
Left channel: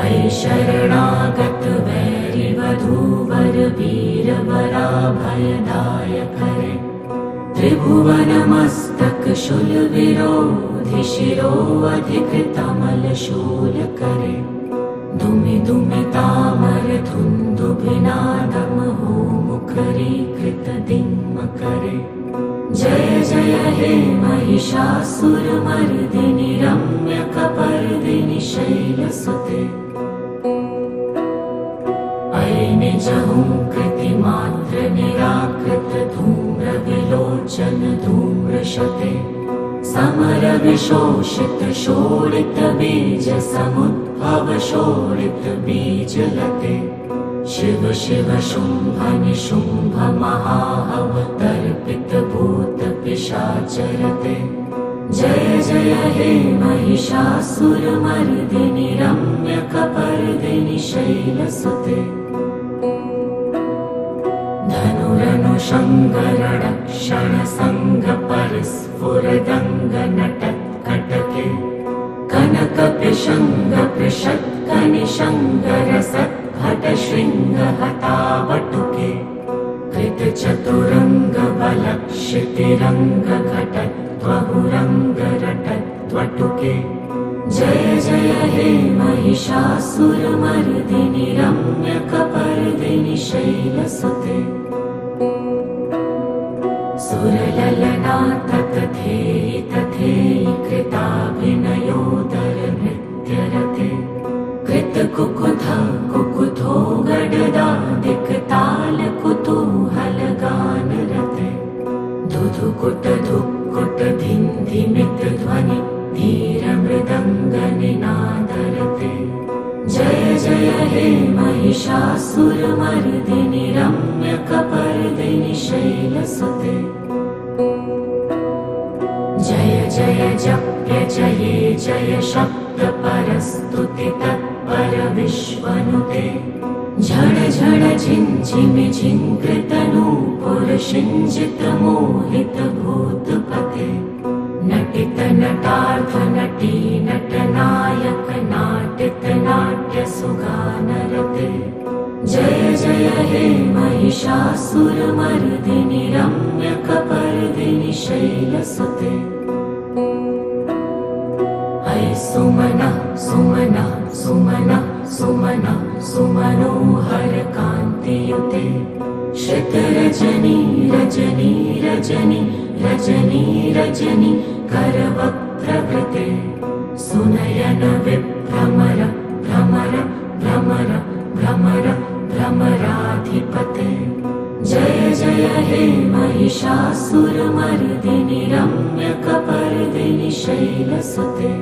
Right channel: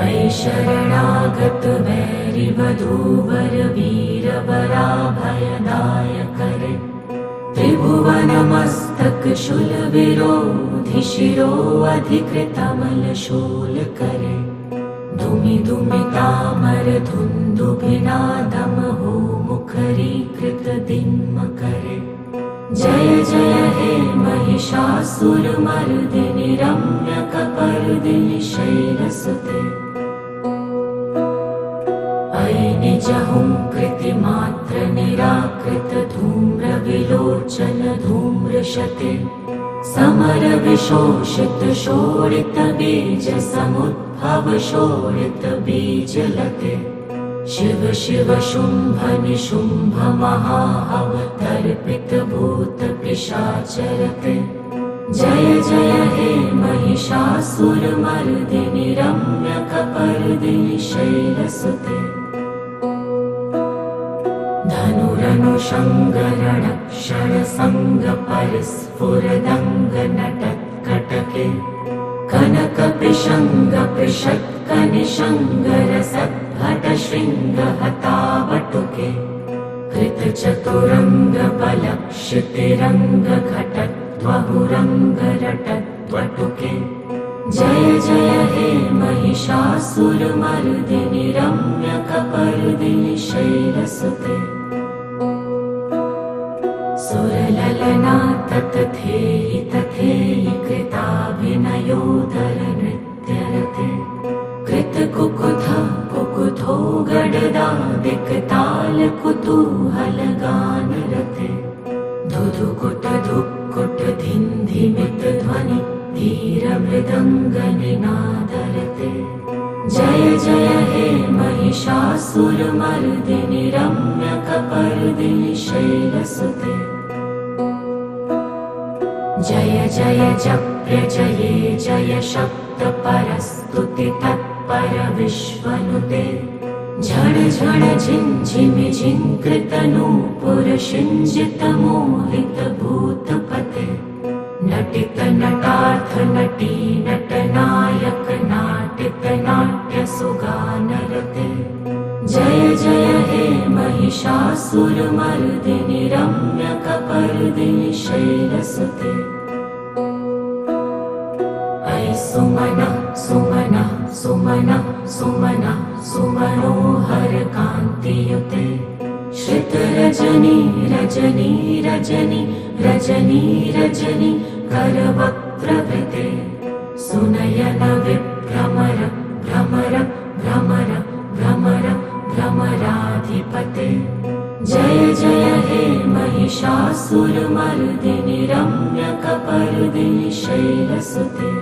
अयि शरणागत वैरि वधूवर वीर वराभयदायकरे। त्रिभुवन मस्तक शूल विरोधि शिरो अधिकृतमल शूल करे। धुमि धुमि तामर धुन्दुभिनादम हो मुखरीकृत दिम्म करे। जय जय हे महिषासुरमर्दिनि रम्यकपर्दिनि शैलसुते। अयि निजहुंकृतिमात्र निराकृत धूम्र विलोचन धूम्रशते। समर विशोषित शोणित बीज समुद्भव शोणित बीजलते। शिव शिव शुंभ निशुंभ महाहव तर्पित भूत पिशाचरते। जय जय हे महिषासुरमर्दिनि रम्यकपर्दिनि शैलसुते। धनुरनुषङ्गरणक्षण संग परिस्फुरदंग नटत्कटके। कनक पिशंग पृषत्क निशंग रसद्भट शृंग हतावटुके। कृत चतुरंग बलक्षितिरंग घटत्वहुरंग रटत्वटुके। जय जय हे महिषासुरमर्दिनि रम्यकपर्दिनि शैलसुते। सुरललना ततथेयि तथेयि कृताभिनयोदर नृत्यरते। कृत कुकुथ कुकुथो गडदादिक ताल कुतूहल गानरते। धुधुकुट धुक्कुट धिन्धिमित ध्वनि धीर मृदंग निनादरते। जय जय हे महिषासुरमर्दिनि रम्यकपर्दिनि शैलसुते। जय जय जप्य जये जय शब्द परस्तुति तत्पर विश्वनुते। झण झण झिंझिमि झिंकृत नूपुर शिंजित मोहित भूतपते। नटित नटार्थ नटी नटनायक नाटित नाट्य सुगानरते। जय जय हे महिषासुरमर्दिनि रम्यकपर्दिनि शैलसुते। अयि सुमनः सुमनः सुमनः सुमनः सुमनोहर कान्तियुते। श्रित रजनी रजनी रजनी रजनी रजनी करवक्त्रवृते। सुनयन विभ्रमर भ्रमर भ्रमर भ्रमर भ्रमराधिपते। जय जय हे महिषासुरमर्दिनि रम्यकपर्दिनि शैलसुते।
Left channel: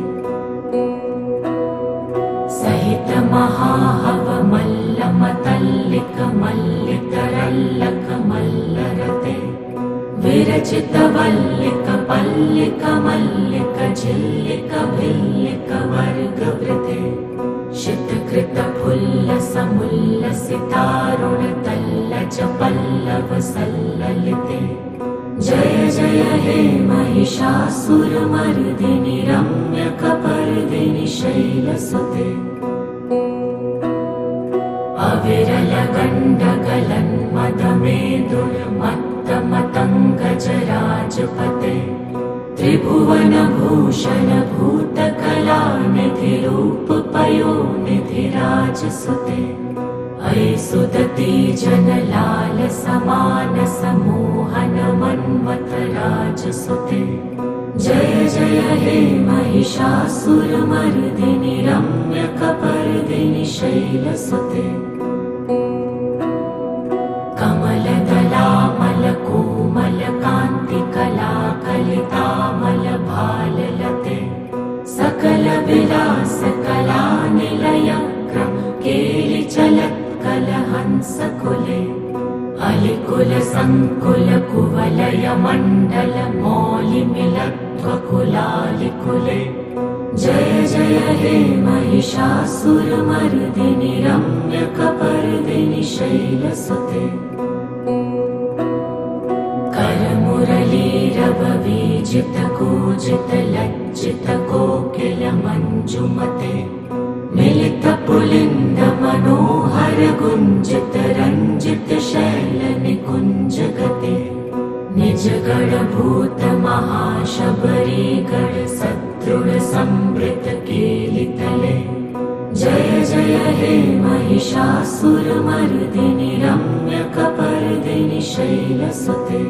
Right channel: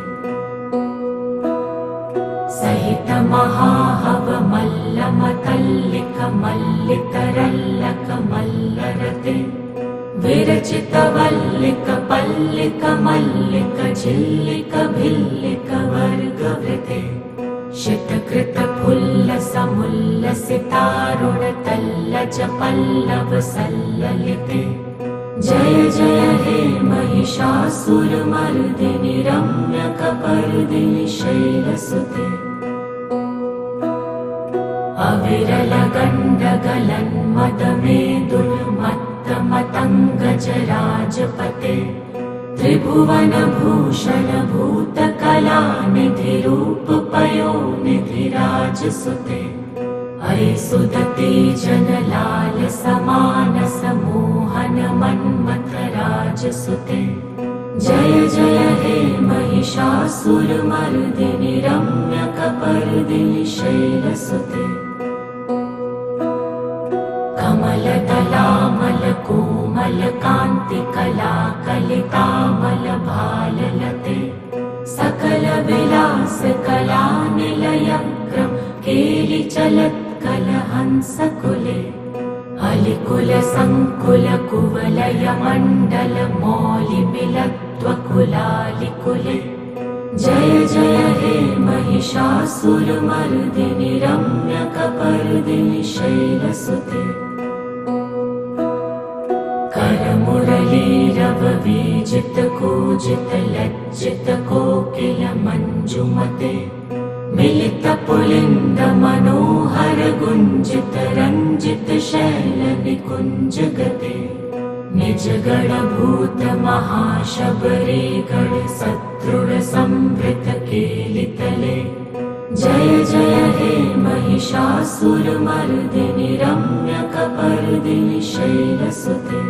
मल्लितरल्लकमल्लितरल्लकमल्लरते विरचितवल्लिकपल्लिकमल्लिकझिल्लिकभिल्लिकवर्गवृते शितकृतफुल्लसमुल्लसितारुणतल्लजपल्लवसल्ललिते जय जय हे महिषासुरमर्दिनि रम्यकपर्दिनि शैलसुते अविरलगण्डगलन्मदमेदुर्मत्तमतङ्गजराजपते त्रिभुवनभूषणभूतकलानिधिरूपपयोनिधिराजसुते अयि सुदती जनलालसमानसमोहनमन्मथराजसुते जय जय हे महिषासुरमर्दिनि रम्यकपर्दिनि शैलसुते कमलदलामलकोमलकान्तिकलाकलितामलभाललते सकलविलासकलानिलयग्रं केलिचलत्कलहंसकुले अलिकुलसङ्कुलकुवलयमण्डलमौलिमिलत्वकुलालिकुले जय जय हे महिषासुरमर्दिनि रम्यकपर्दिनि शैलसुते करमुरलीरववीजितकूजितलज्जितकोकिलमञ्जुमते मिलितपुलिन्दमनोहरगुञ्जितरञ्जितशैलनिकुञ्जगते निजगणभूतमहाशबरीगणसदृढसंवृतकेलितले जय जय हे महिषासुरमर्दिनि रम्यकपर्दिनि शैलसुते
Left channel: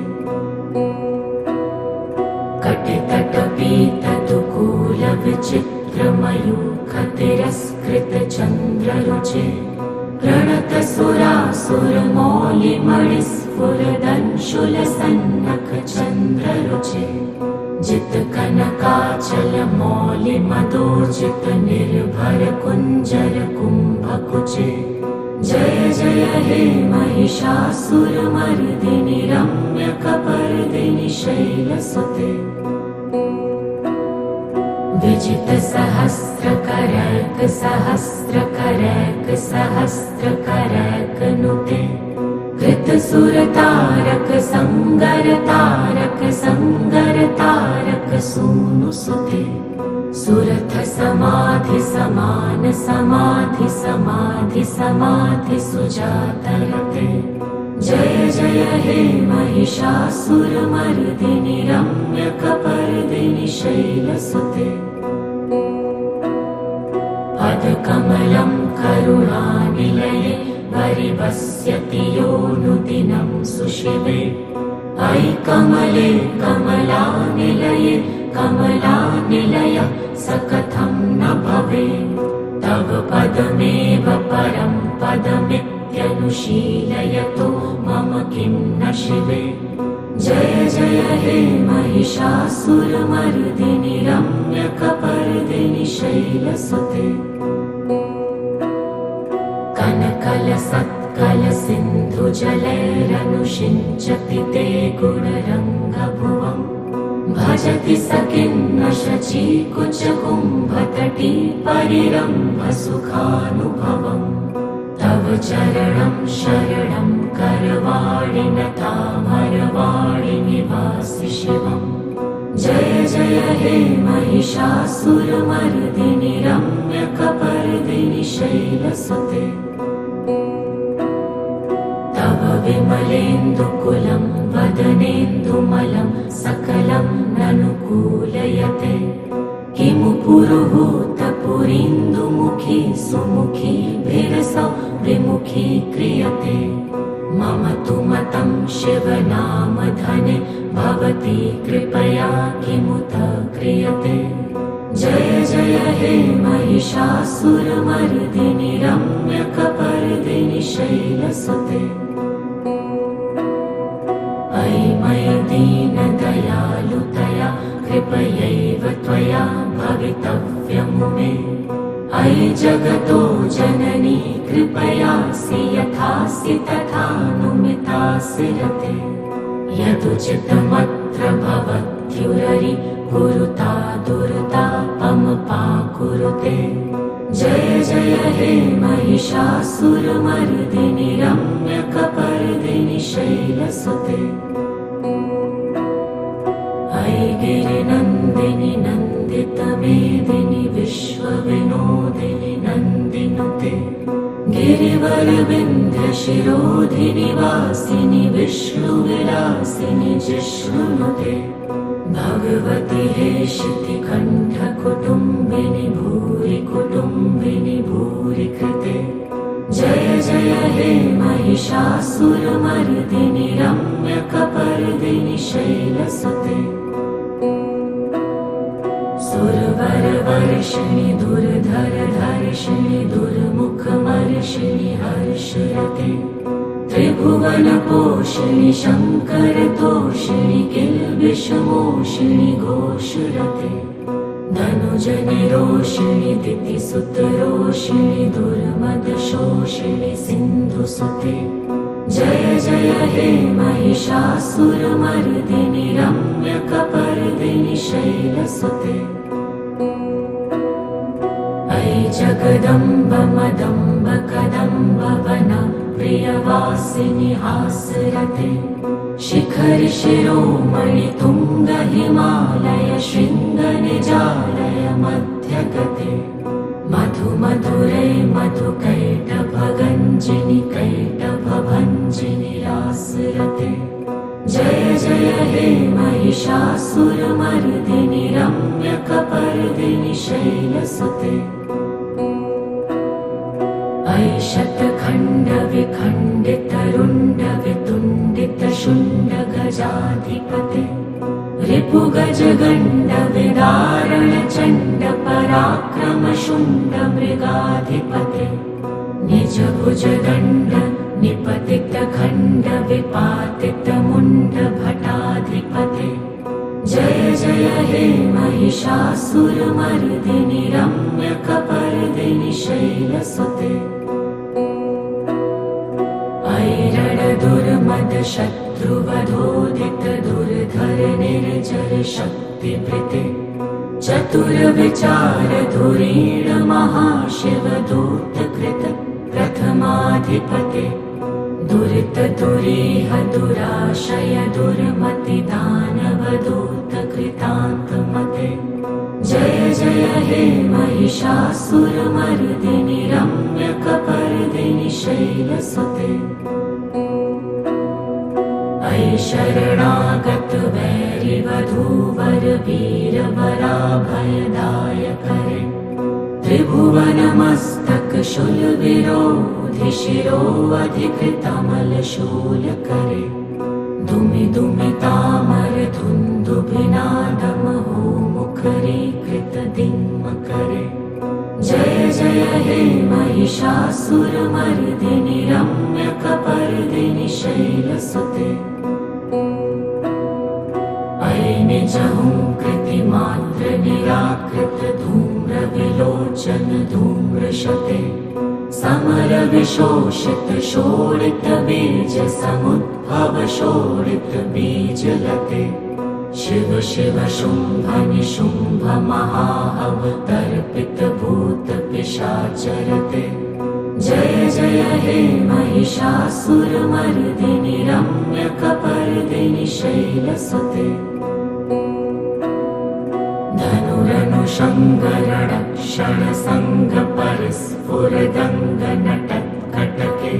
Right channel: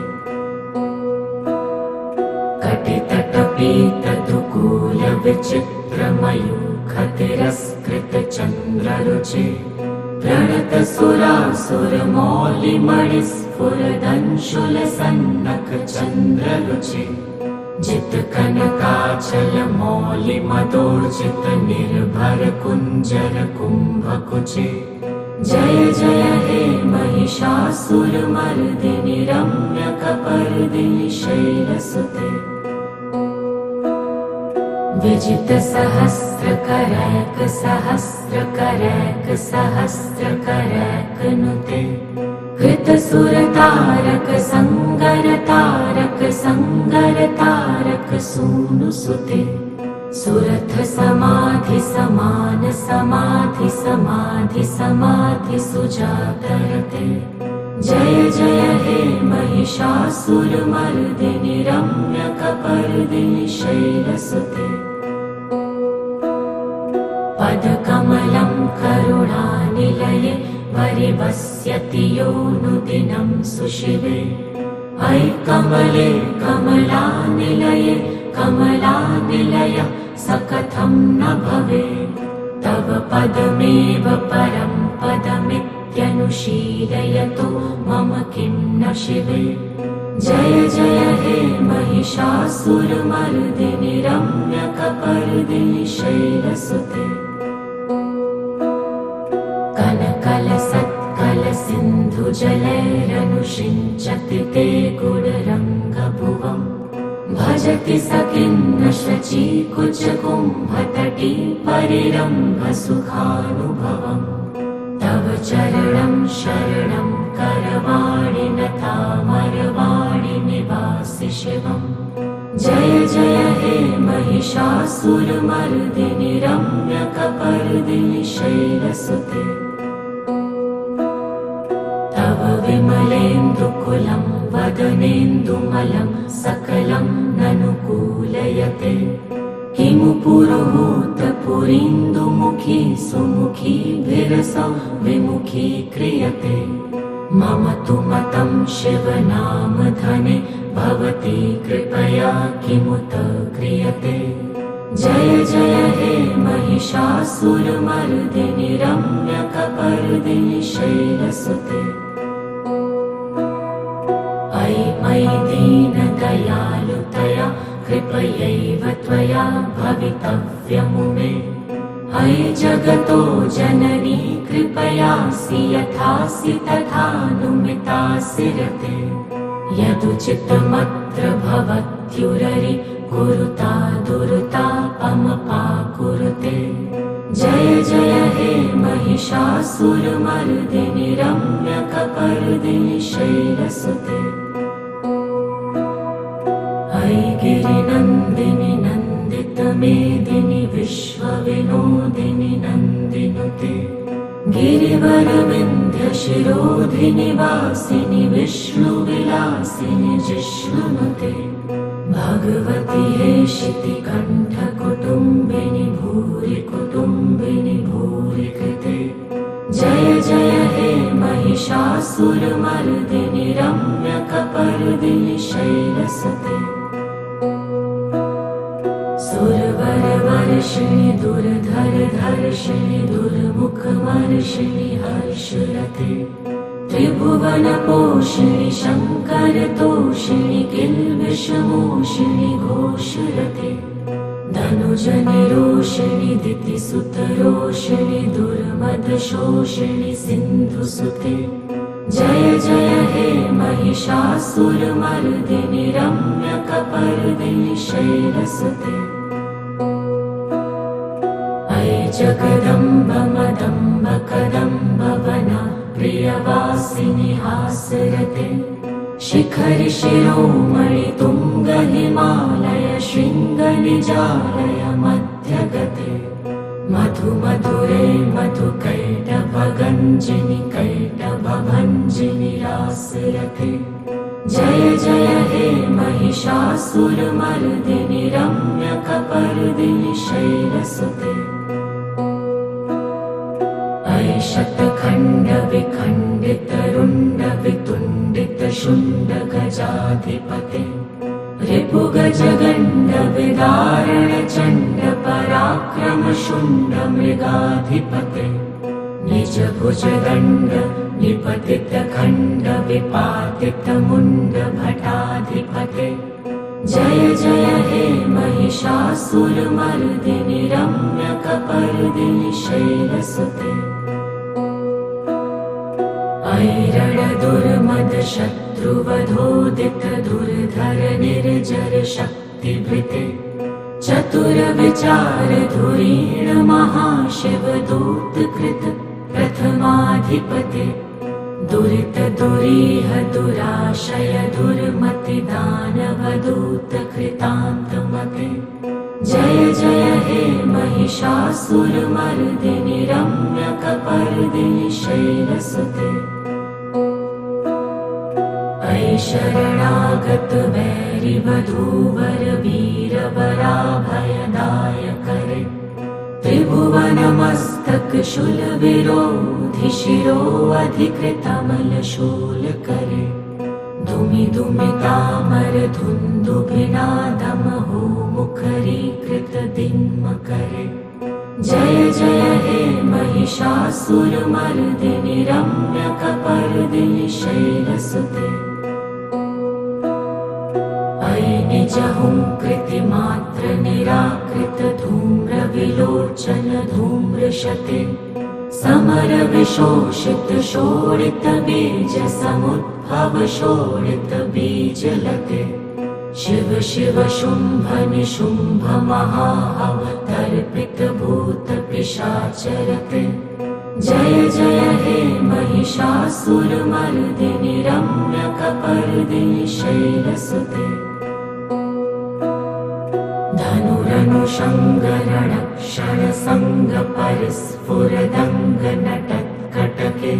कटितटपीतदुकूलविचित्रमयूखतिरस्कृतचन्द्ररुचे प्रणतसुरासुरमौलिमणिस्फुरदंशुलसन्नकचन्द्ररुचे जितकनकाचलमौलिमदोर्जितनिर्भरकुञ्जरकुम्भकुचे जय जय हे महिषासुरमर्दिनि रम्यकपर्दिनि शैलसुते विजितसहस्रकरैकसहस्रकरैकसहस्रकरैकनुते कृतसुरतारकसङ्गरतारकसङ्गरतारकसूनुसुते सुरथसमाधिसमानसमाधिसमाधिसमाधिसुजातरते जय जय हे महिषासुरमर्दिनि रम्यकपर्दिनि शैलसुते पदकमलं करुणानिलये वरिवस्यति योऽनुदिनं सुशिवे अयि कमले कमलानिलये कमलानिलय स कथं न भवेत् तव पदमेव परं पदमित्यनुशीलयतो मम किं न शिवे जय जय हे महिषासुरमर्दिनि रम्यकपर्दिनि शैलसुते कनकलसत्कलसिन्धुजलैरनुषिञ्चति ते गुडरङ्गभुवम् भजति स किन्न शचीकुचकुम्भतटी परिरम्भसुखानुभवम् तव चरणं शरणं करवाणि नतामरवाणि निवासि शिवम् जय जय हे महिषासुरमर्दिनि रम्यकपर्दिनि शैलसुते तव विमलेन्दुकुलं वदनेन्दुमलं सकलं ननुकूलयते किमु पुरुहूतपुरीन्दुमुखी सुमुखी विरसौ विमुखी क्रियते मम तु मतं शिवनामधने भवती कृपया किमुत क्रियते जय जय हे महिषासुरमर्दिनि रम्यकपर्दिनि शैलसुते अयि मयि दीनदयालुतया कृपयैव त्वया भवितव्यमु मे अयि जगतो जननी कृपयासि यथासि तथानुमितासि रते यदुचितमत्र भवत्युररि कुरुता दुर्तापमपाकुरुते जय जय हे महिषासुरमर्दिनि रम्यकपर्दिनि शैलसुते अयि गिरिनन्दिनि नन्दितमेदिनि विश्वविनोदिनि नन्दिनुते गिरिवरविन्ध्यशिरोधिनि वासिनि विष्णुविलासिनि जिष्णुनुते भगवति हेशितिकण्ठकुटुम्बिनि भूरि कुटुम्बिनि भूरि कृते जय जय हे महिषासुरमर्दिनि रम्यकपर्दिनि शैलसुते सुरवरवर्षिणि दुर्धरधर्षिणि दुर्मुखमर्षिणि हर्षरते त्रिभुवनपोषिणि शङ्करतोषिणि किल्बिषमोषिणि घोषरते धनुजनिरोषिणि दितिसुतरोषिणि दुर्मदशोषिणि सिन्धुसुते जय जय हे महिषासुरमर्दिनि रम्यकपर्दिनि शैलसुते अयि जगदम्ब मदम्ब कदम्ब वन प्रियवासिनि हासरते शिखरि शिरोमणि तुङ्ग हिमालय शृङ्ग निजालय मध्यगते मधु मधुरे मधु कैटभगञ्जिनि कैटभभञ्जिनि रासरते जय जय हे महिषासुरमर्दिनि रम्यकपर्दिनि शैलसुते अयि शतखण्डविखण्डितरुण्डवितुण्डितशुण्ड गजाधिपते रिपुगजगण्ड विदारणचण्ड पराक्रम शुण्ड मृगाधिपते निजभुजदण्ड निपतितखण्ड विपातितमुण्ड भटाधिपते जय जय हे महिषासुरमर्दिनि रम्यकपर्दिनि शैलसुते अयि रणदुर्मदशत्रुवधोदित दुर्धर निर्जर शक्तिभृते चतुरविचार धुरीण महाशिवदूतकृत प्रथमाधिपते दुरित दुरीह दुराशय दुर्मति दानवदूत कृतान्तमते जय जय हे महिषासुरमर्दिनि रम्यकपर्दिनि शैलसुते अयि शरणागत वैरिवधूवर वीरवराभयदायकरे त्रिभुवनमस्तक शूलविरोधि शिरोऽधिकृतमलशूलकरे धुमि धुमितामर धुन्दुभिनादमहो मुखरीकृत दिङ्मकरे जय जय हे महिषासुरमर्दिनि रम्यकपर्दिनि शैलसुते अयि निजहुङ्कृतिमात्र निराकृत धूम्रविलोचन धूम्रशते समर विशोषित शोणित बीज समुद्भव शोणित बीजलते शिव शिव शुम्भ निशुम्भ महाहव तर्पित भूत पिशाचरते जय जय हे महिषासुरमर्दिनि रम्यकपर्दिनि शैलसुते धनुरनुषङ्गरणक्षण सङ्ग परिस्फुरदङ्ग नटत्कटके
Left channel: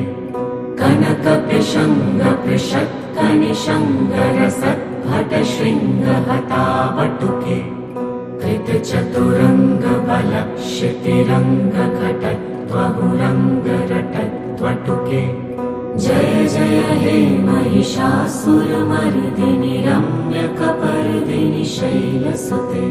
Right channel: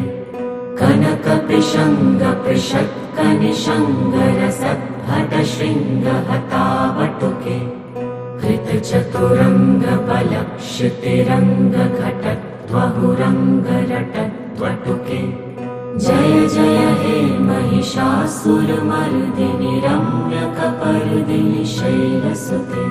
कनकपिशङ्ग पृषत्कनिशङ्गरसद्भट शृङ्गहतावटुके कृतचतुरङ्ग बलक्षितिरङ्ग घटत्वहुरङ्ग रटत्वटुके जय जय हे महिषासुरमर्दिनि रम्यकपर्दिनि शैलसुते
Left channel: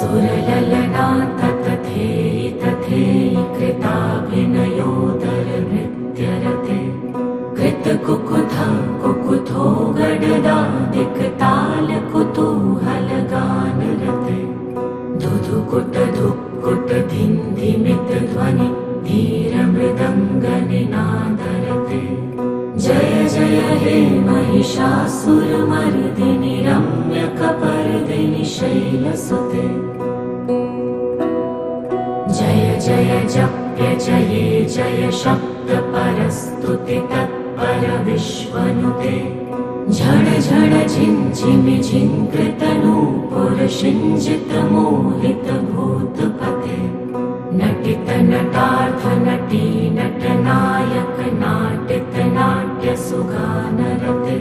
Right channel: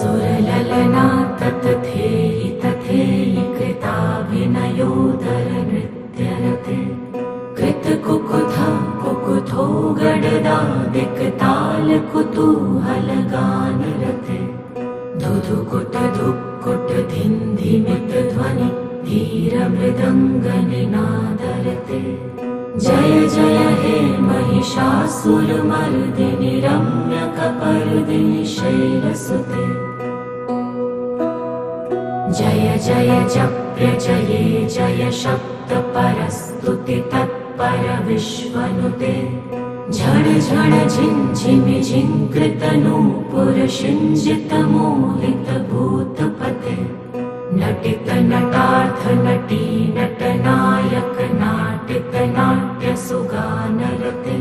सुरललना ततथेयि तथेयि कृताभिनयोदर नृत्यरते कृतकुकुथ कुकुथो गडदादिकताल कुतूहल गानरते धुधुकुट धुक्कुट धिन्धिमित ध्वनि धीरमृदङ्गनिनादरते। जय जय हे महिषासुरमर्दिनि रम्यकपर्दिनि शैलसुते। जय जय जप्य जये जय शब्द परस्तुति तत्पर विश्वनुते। झण झण झिञ्झिमि झिङ्कृत नूपुर शिञ्जित मोहित भूतपते। नटित नटार्थ नटी नटनायक नाटित नाट्य सुगानरते।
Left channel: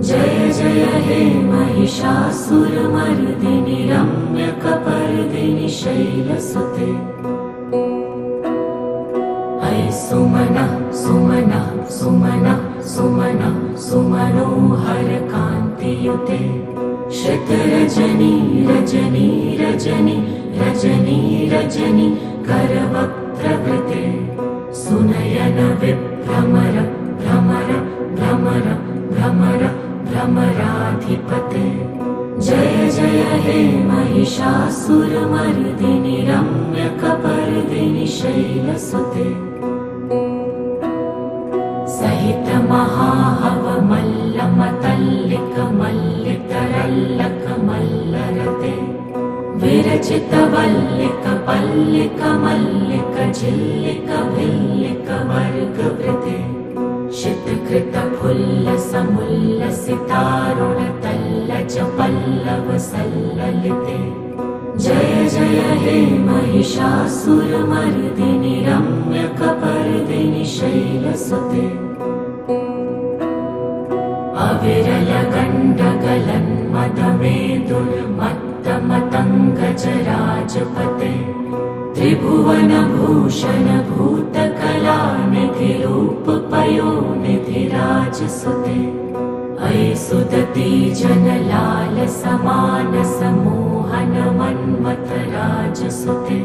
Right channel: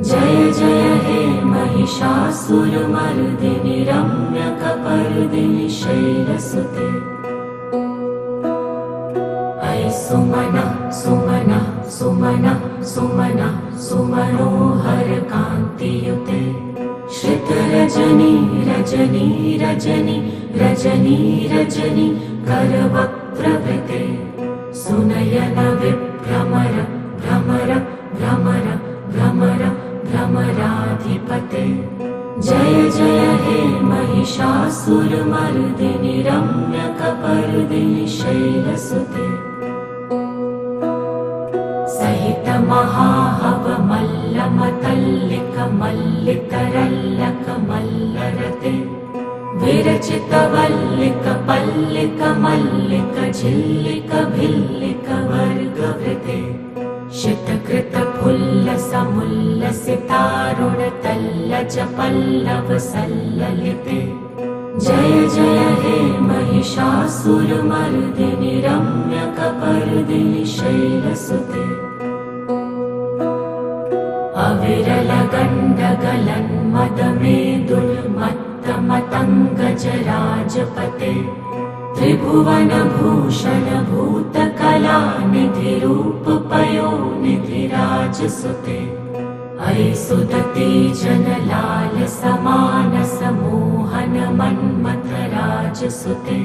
जय जय हे महिषासुरमर्दिनि रम्यकपर्दिनि शैलसुते। ऐ सुमनः सुमनः सुमनः सुमनः सुमनोहर कान्तियुते। श्रित रजनी रजनी रजनी रजनी रजनी करवक्त्रवृते। सुनयन विभ्रमर भ्रमर भ्रमर भ्रमर भ्रमराधिपते। जय जय हे महिषासुरमर्दिनि रम्यकपर्दिनि शैलसुते। सहित महाहव मल्ल मतल्लिक मल्लितरल्लक मल्लरते। विरचित वल्लिक पल्लिक मल्लिक झिल्लिक भिल्लिक वर्गवृते। शितकृत फुल्ल समुल्लसितारुण तल्लज पल्लव सल्ललिते। जय जय हे महिषासुरमर्दिनि रम्यकपर्दिनि शैलसुते। अविरल गण्डगलन्मदमेदुर्मत्तमतङ्गजराजपते। त्रिभुवन भूषण भूतकलानिधि रूपपयोनिधि राजसुते। ऐ सुदती जनलाल समानस मोहन मन्मथ राजसुते।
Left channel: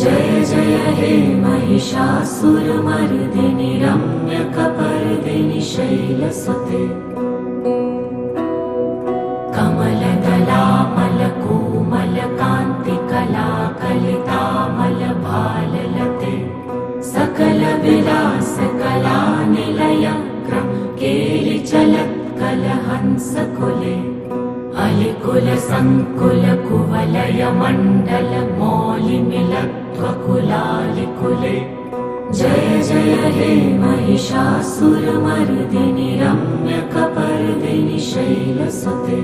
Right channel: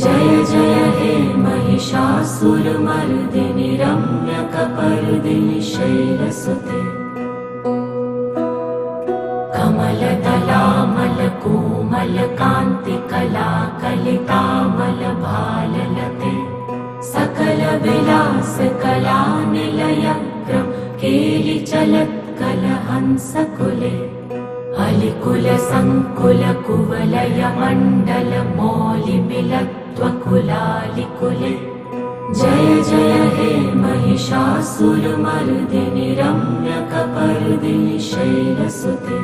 जय जय हे महिषासुरमर्दिनि रम्यकपर्दिनि शैलसुते। कमलदलामल कोमल कान्ति कला कलितामल भाललते। सकल विलास कला निलय केलि चलत् कलहंसकुले। अलिकुल संकुल कुवलय मण्डल मौलिमिलत्वकुलालिकुले। जय जय हे महिषासुरमर्दिनि रम्यकपर्दिनि शैलसुते।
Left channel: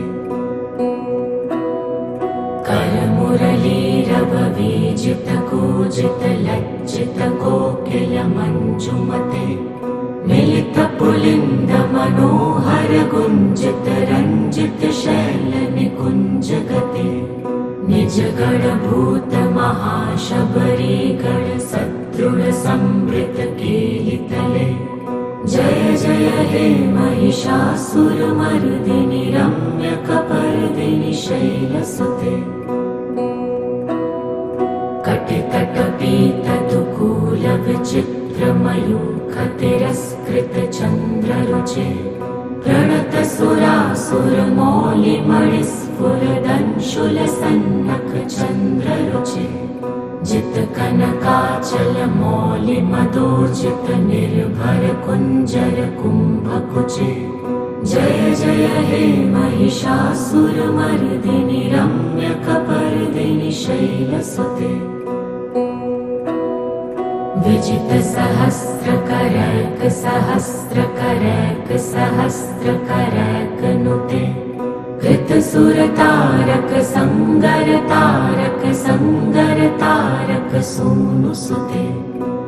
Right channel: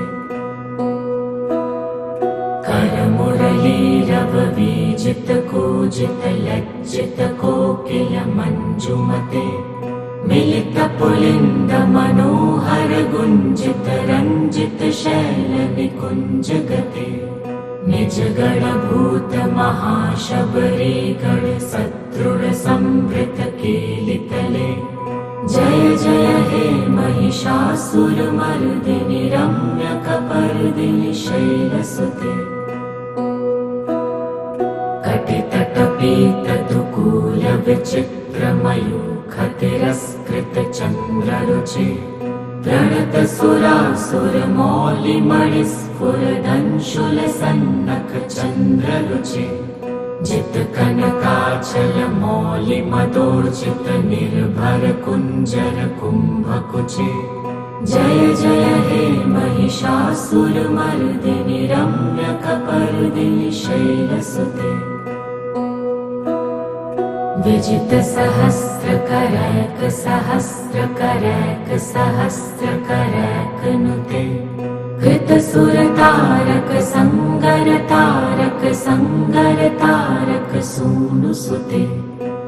करमुरलीरव वीजित कूजित लज्जित कोकिल मञ्जुमते। मिलित पुलिन्द मनोहर गुञ्जित रञ्जित शैल निकुञ्ज गते। निज गण भूत महाशबरी गण सदृढ संवृत कीलितले। जय जय हे महिषासुरमर्दिनि रम्यकपर्दिनि शैलसुते। कटितटपीत दुकूल विचित्र मयूख तिरस्कृत चन्द्ररुचे। प्रणत सुरासुर मौलिमणिस्फुरदंशुल सन्नख चन्द्ररुचे। जित कनकाचल मौलि मदोर्जित निर्भर कुञ्जर कुम्भकुचे। जय जय हे महिषासुरमर्दिनि रम्यकपर्दिनि शैलसुते। विजित सहस्रकरैक सहस्रकरैक सहस्रकरैक नुते। कृत सुरतारक संगर तारक संगर तारक सूनुसुते।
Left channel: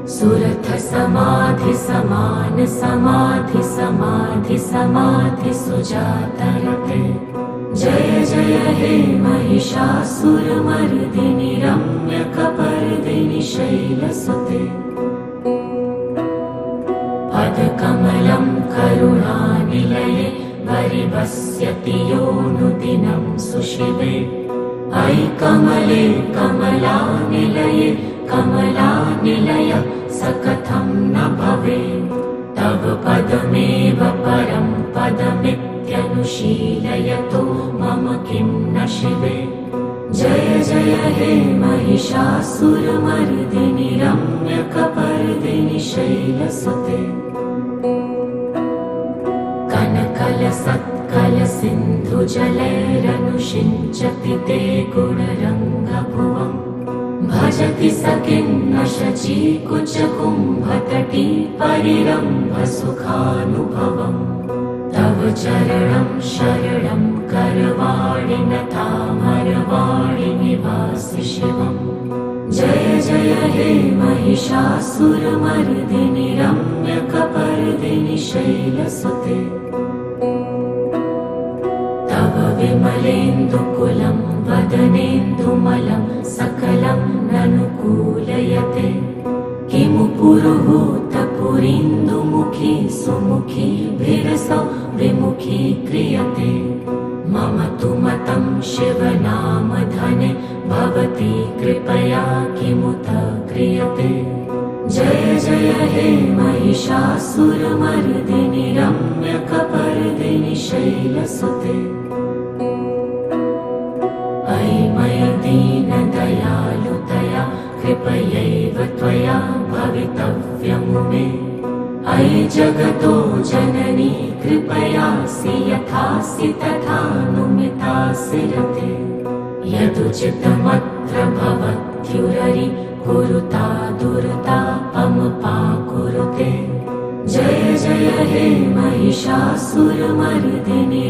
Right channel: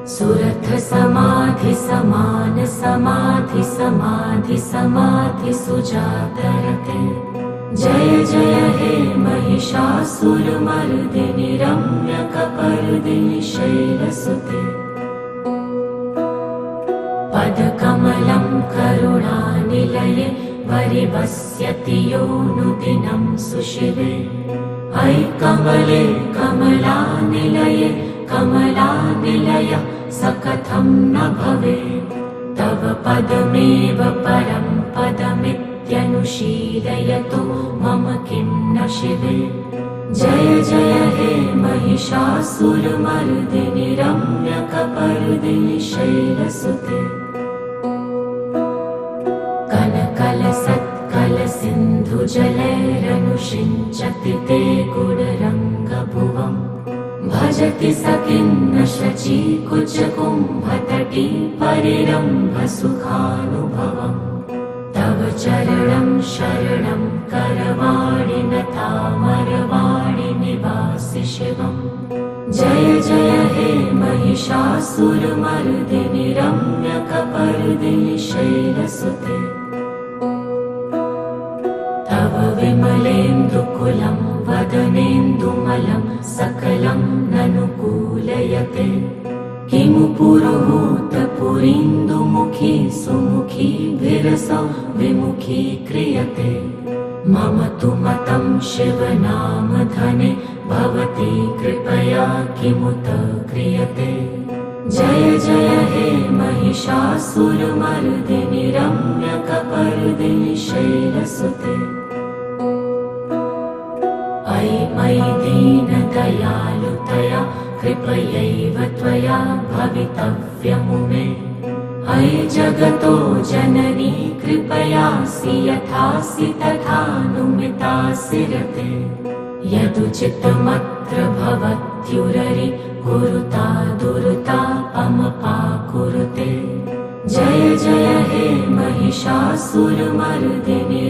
सुरथ समाधि समान समाधि समाधि समाधि सुजातरते। जय जय हे महिषासुरमर्दिनि रम्यकपर्दिनि शैलसुते। पदकमलं करुणानिलये वरिवस्यति योऽनुदिनं सुशिवे। ऐ कमले कमलानिलये कमलानिलय स कथं न भवेत्। तव पदमेव परं पदमित्यनुशीलयतो मम किं न शिवे। जय जय हे महिषासुरमर्दिनि रम्यकपर्दिनि शैलसुते कनकलसत्कलसिन्धुजलैरनुषिञ्चति ते गुणरङ्गभुवम् भजति स किन्न शचीकुचकुम्भतटी परिरम्भसुखानुभवम् तव चरणं शरणं करवाणि नतामरवाणि निवासि शिवम् जय जय हे महिषासुरमर्दिनि रम्यकपर्दिनि शैलसुते तव विमलेन्दुकुलं वदनेन्दुमलं सकलं ननुकूलयते किमु पुरुहूतपुरीन्दुमुखी सुमुखी भिरसौ विमुखी क्रियते मम तु मतं शिवनामधने भवती कृपया किमुत क्रियते जय जय हे महिषासुरमर्दिनि रम्यकपर्दिनि शैलसुते अयि मयि दीनदयालुतया कृपयैव त्वया भवितव्यमुमे अयि जगतो जननी कृपयासि यथासि तथानुमितासि रते यदुचितमत्र भवत्युररि कुरुता दुर्तापमपाकुरुते जय जय हे महिषासुरमर्दिनि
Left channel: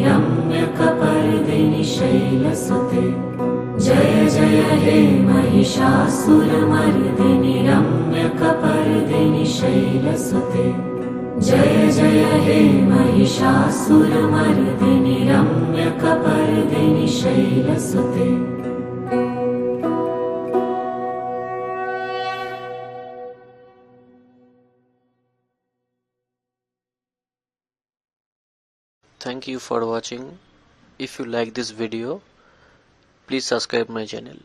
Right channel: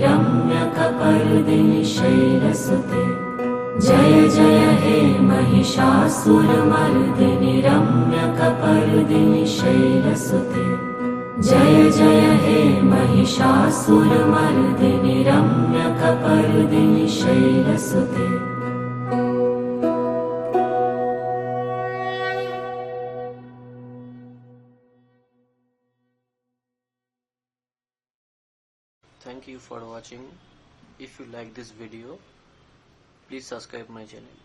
रम्यकपर्दिनि शैलसुते जय जय हे महिषासुरमर्दिनि रम्यकपर्दिनि शैलसुते जय जय हे महिषासुरमर्दिनि रम्यकपर्दिनि शैलसुते Thank you for watching. If you like this video, please subscribe my channel.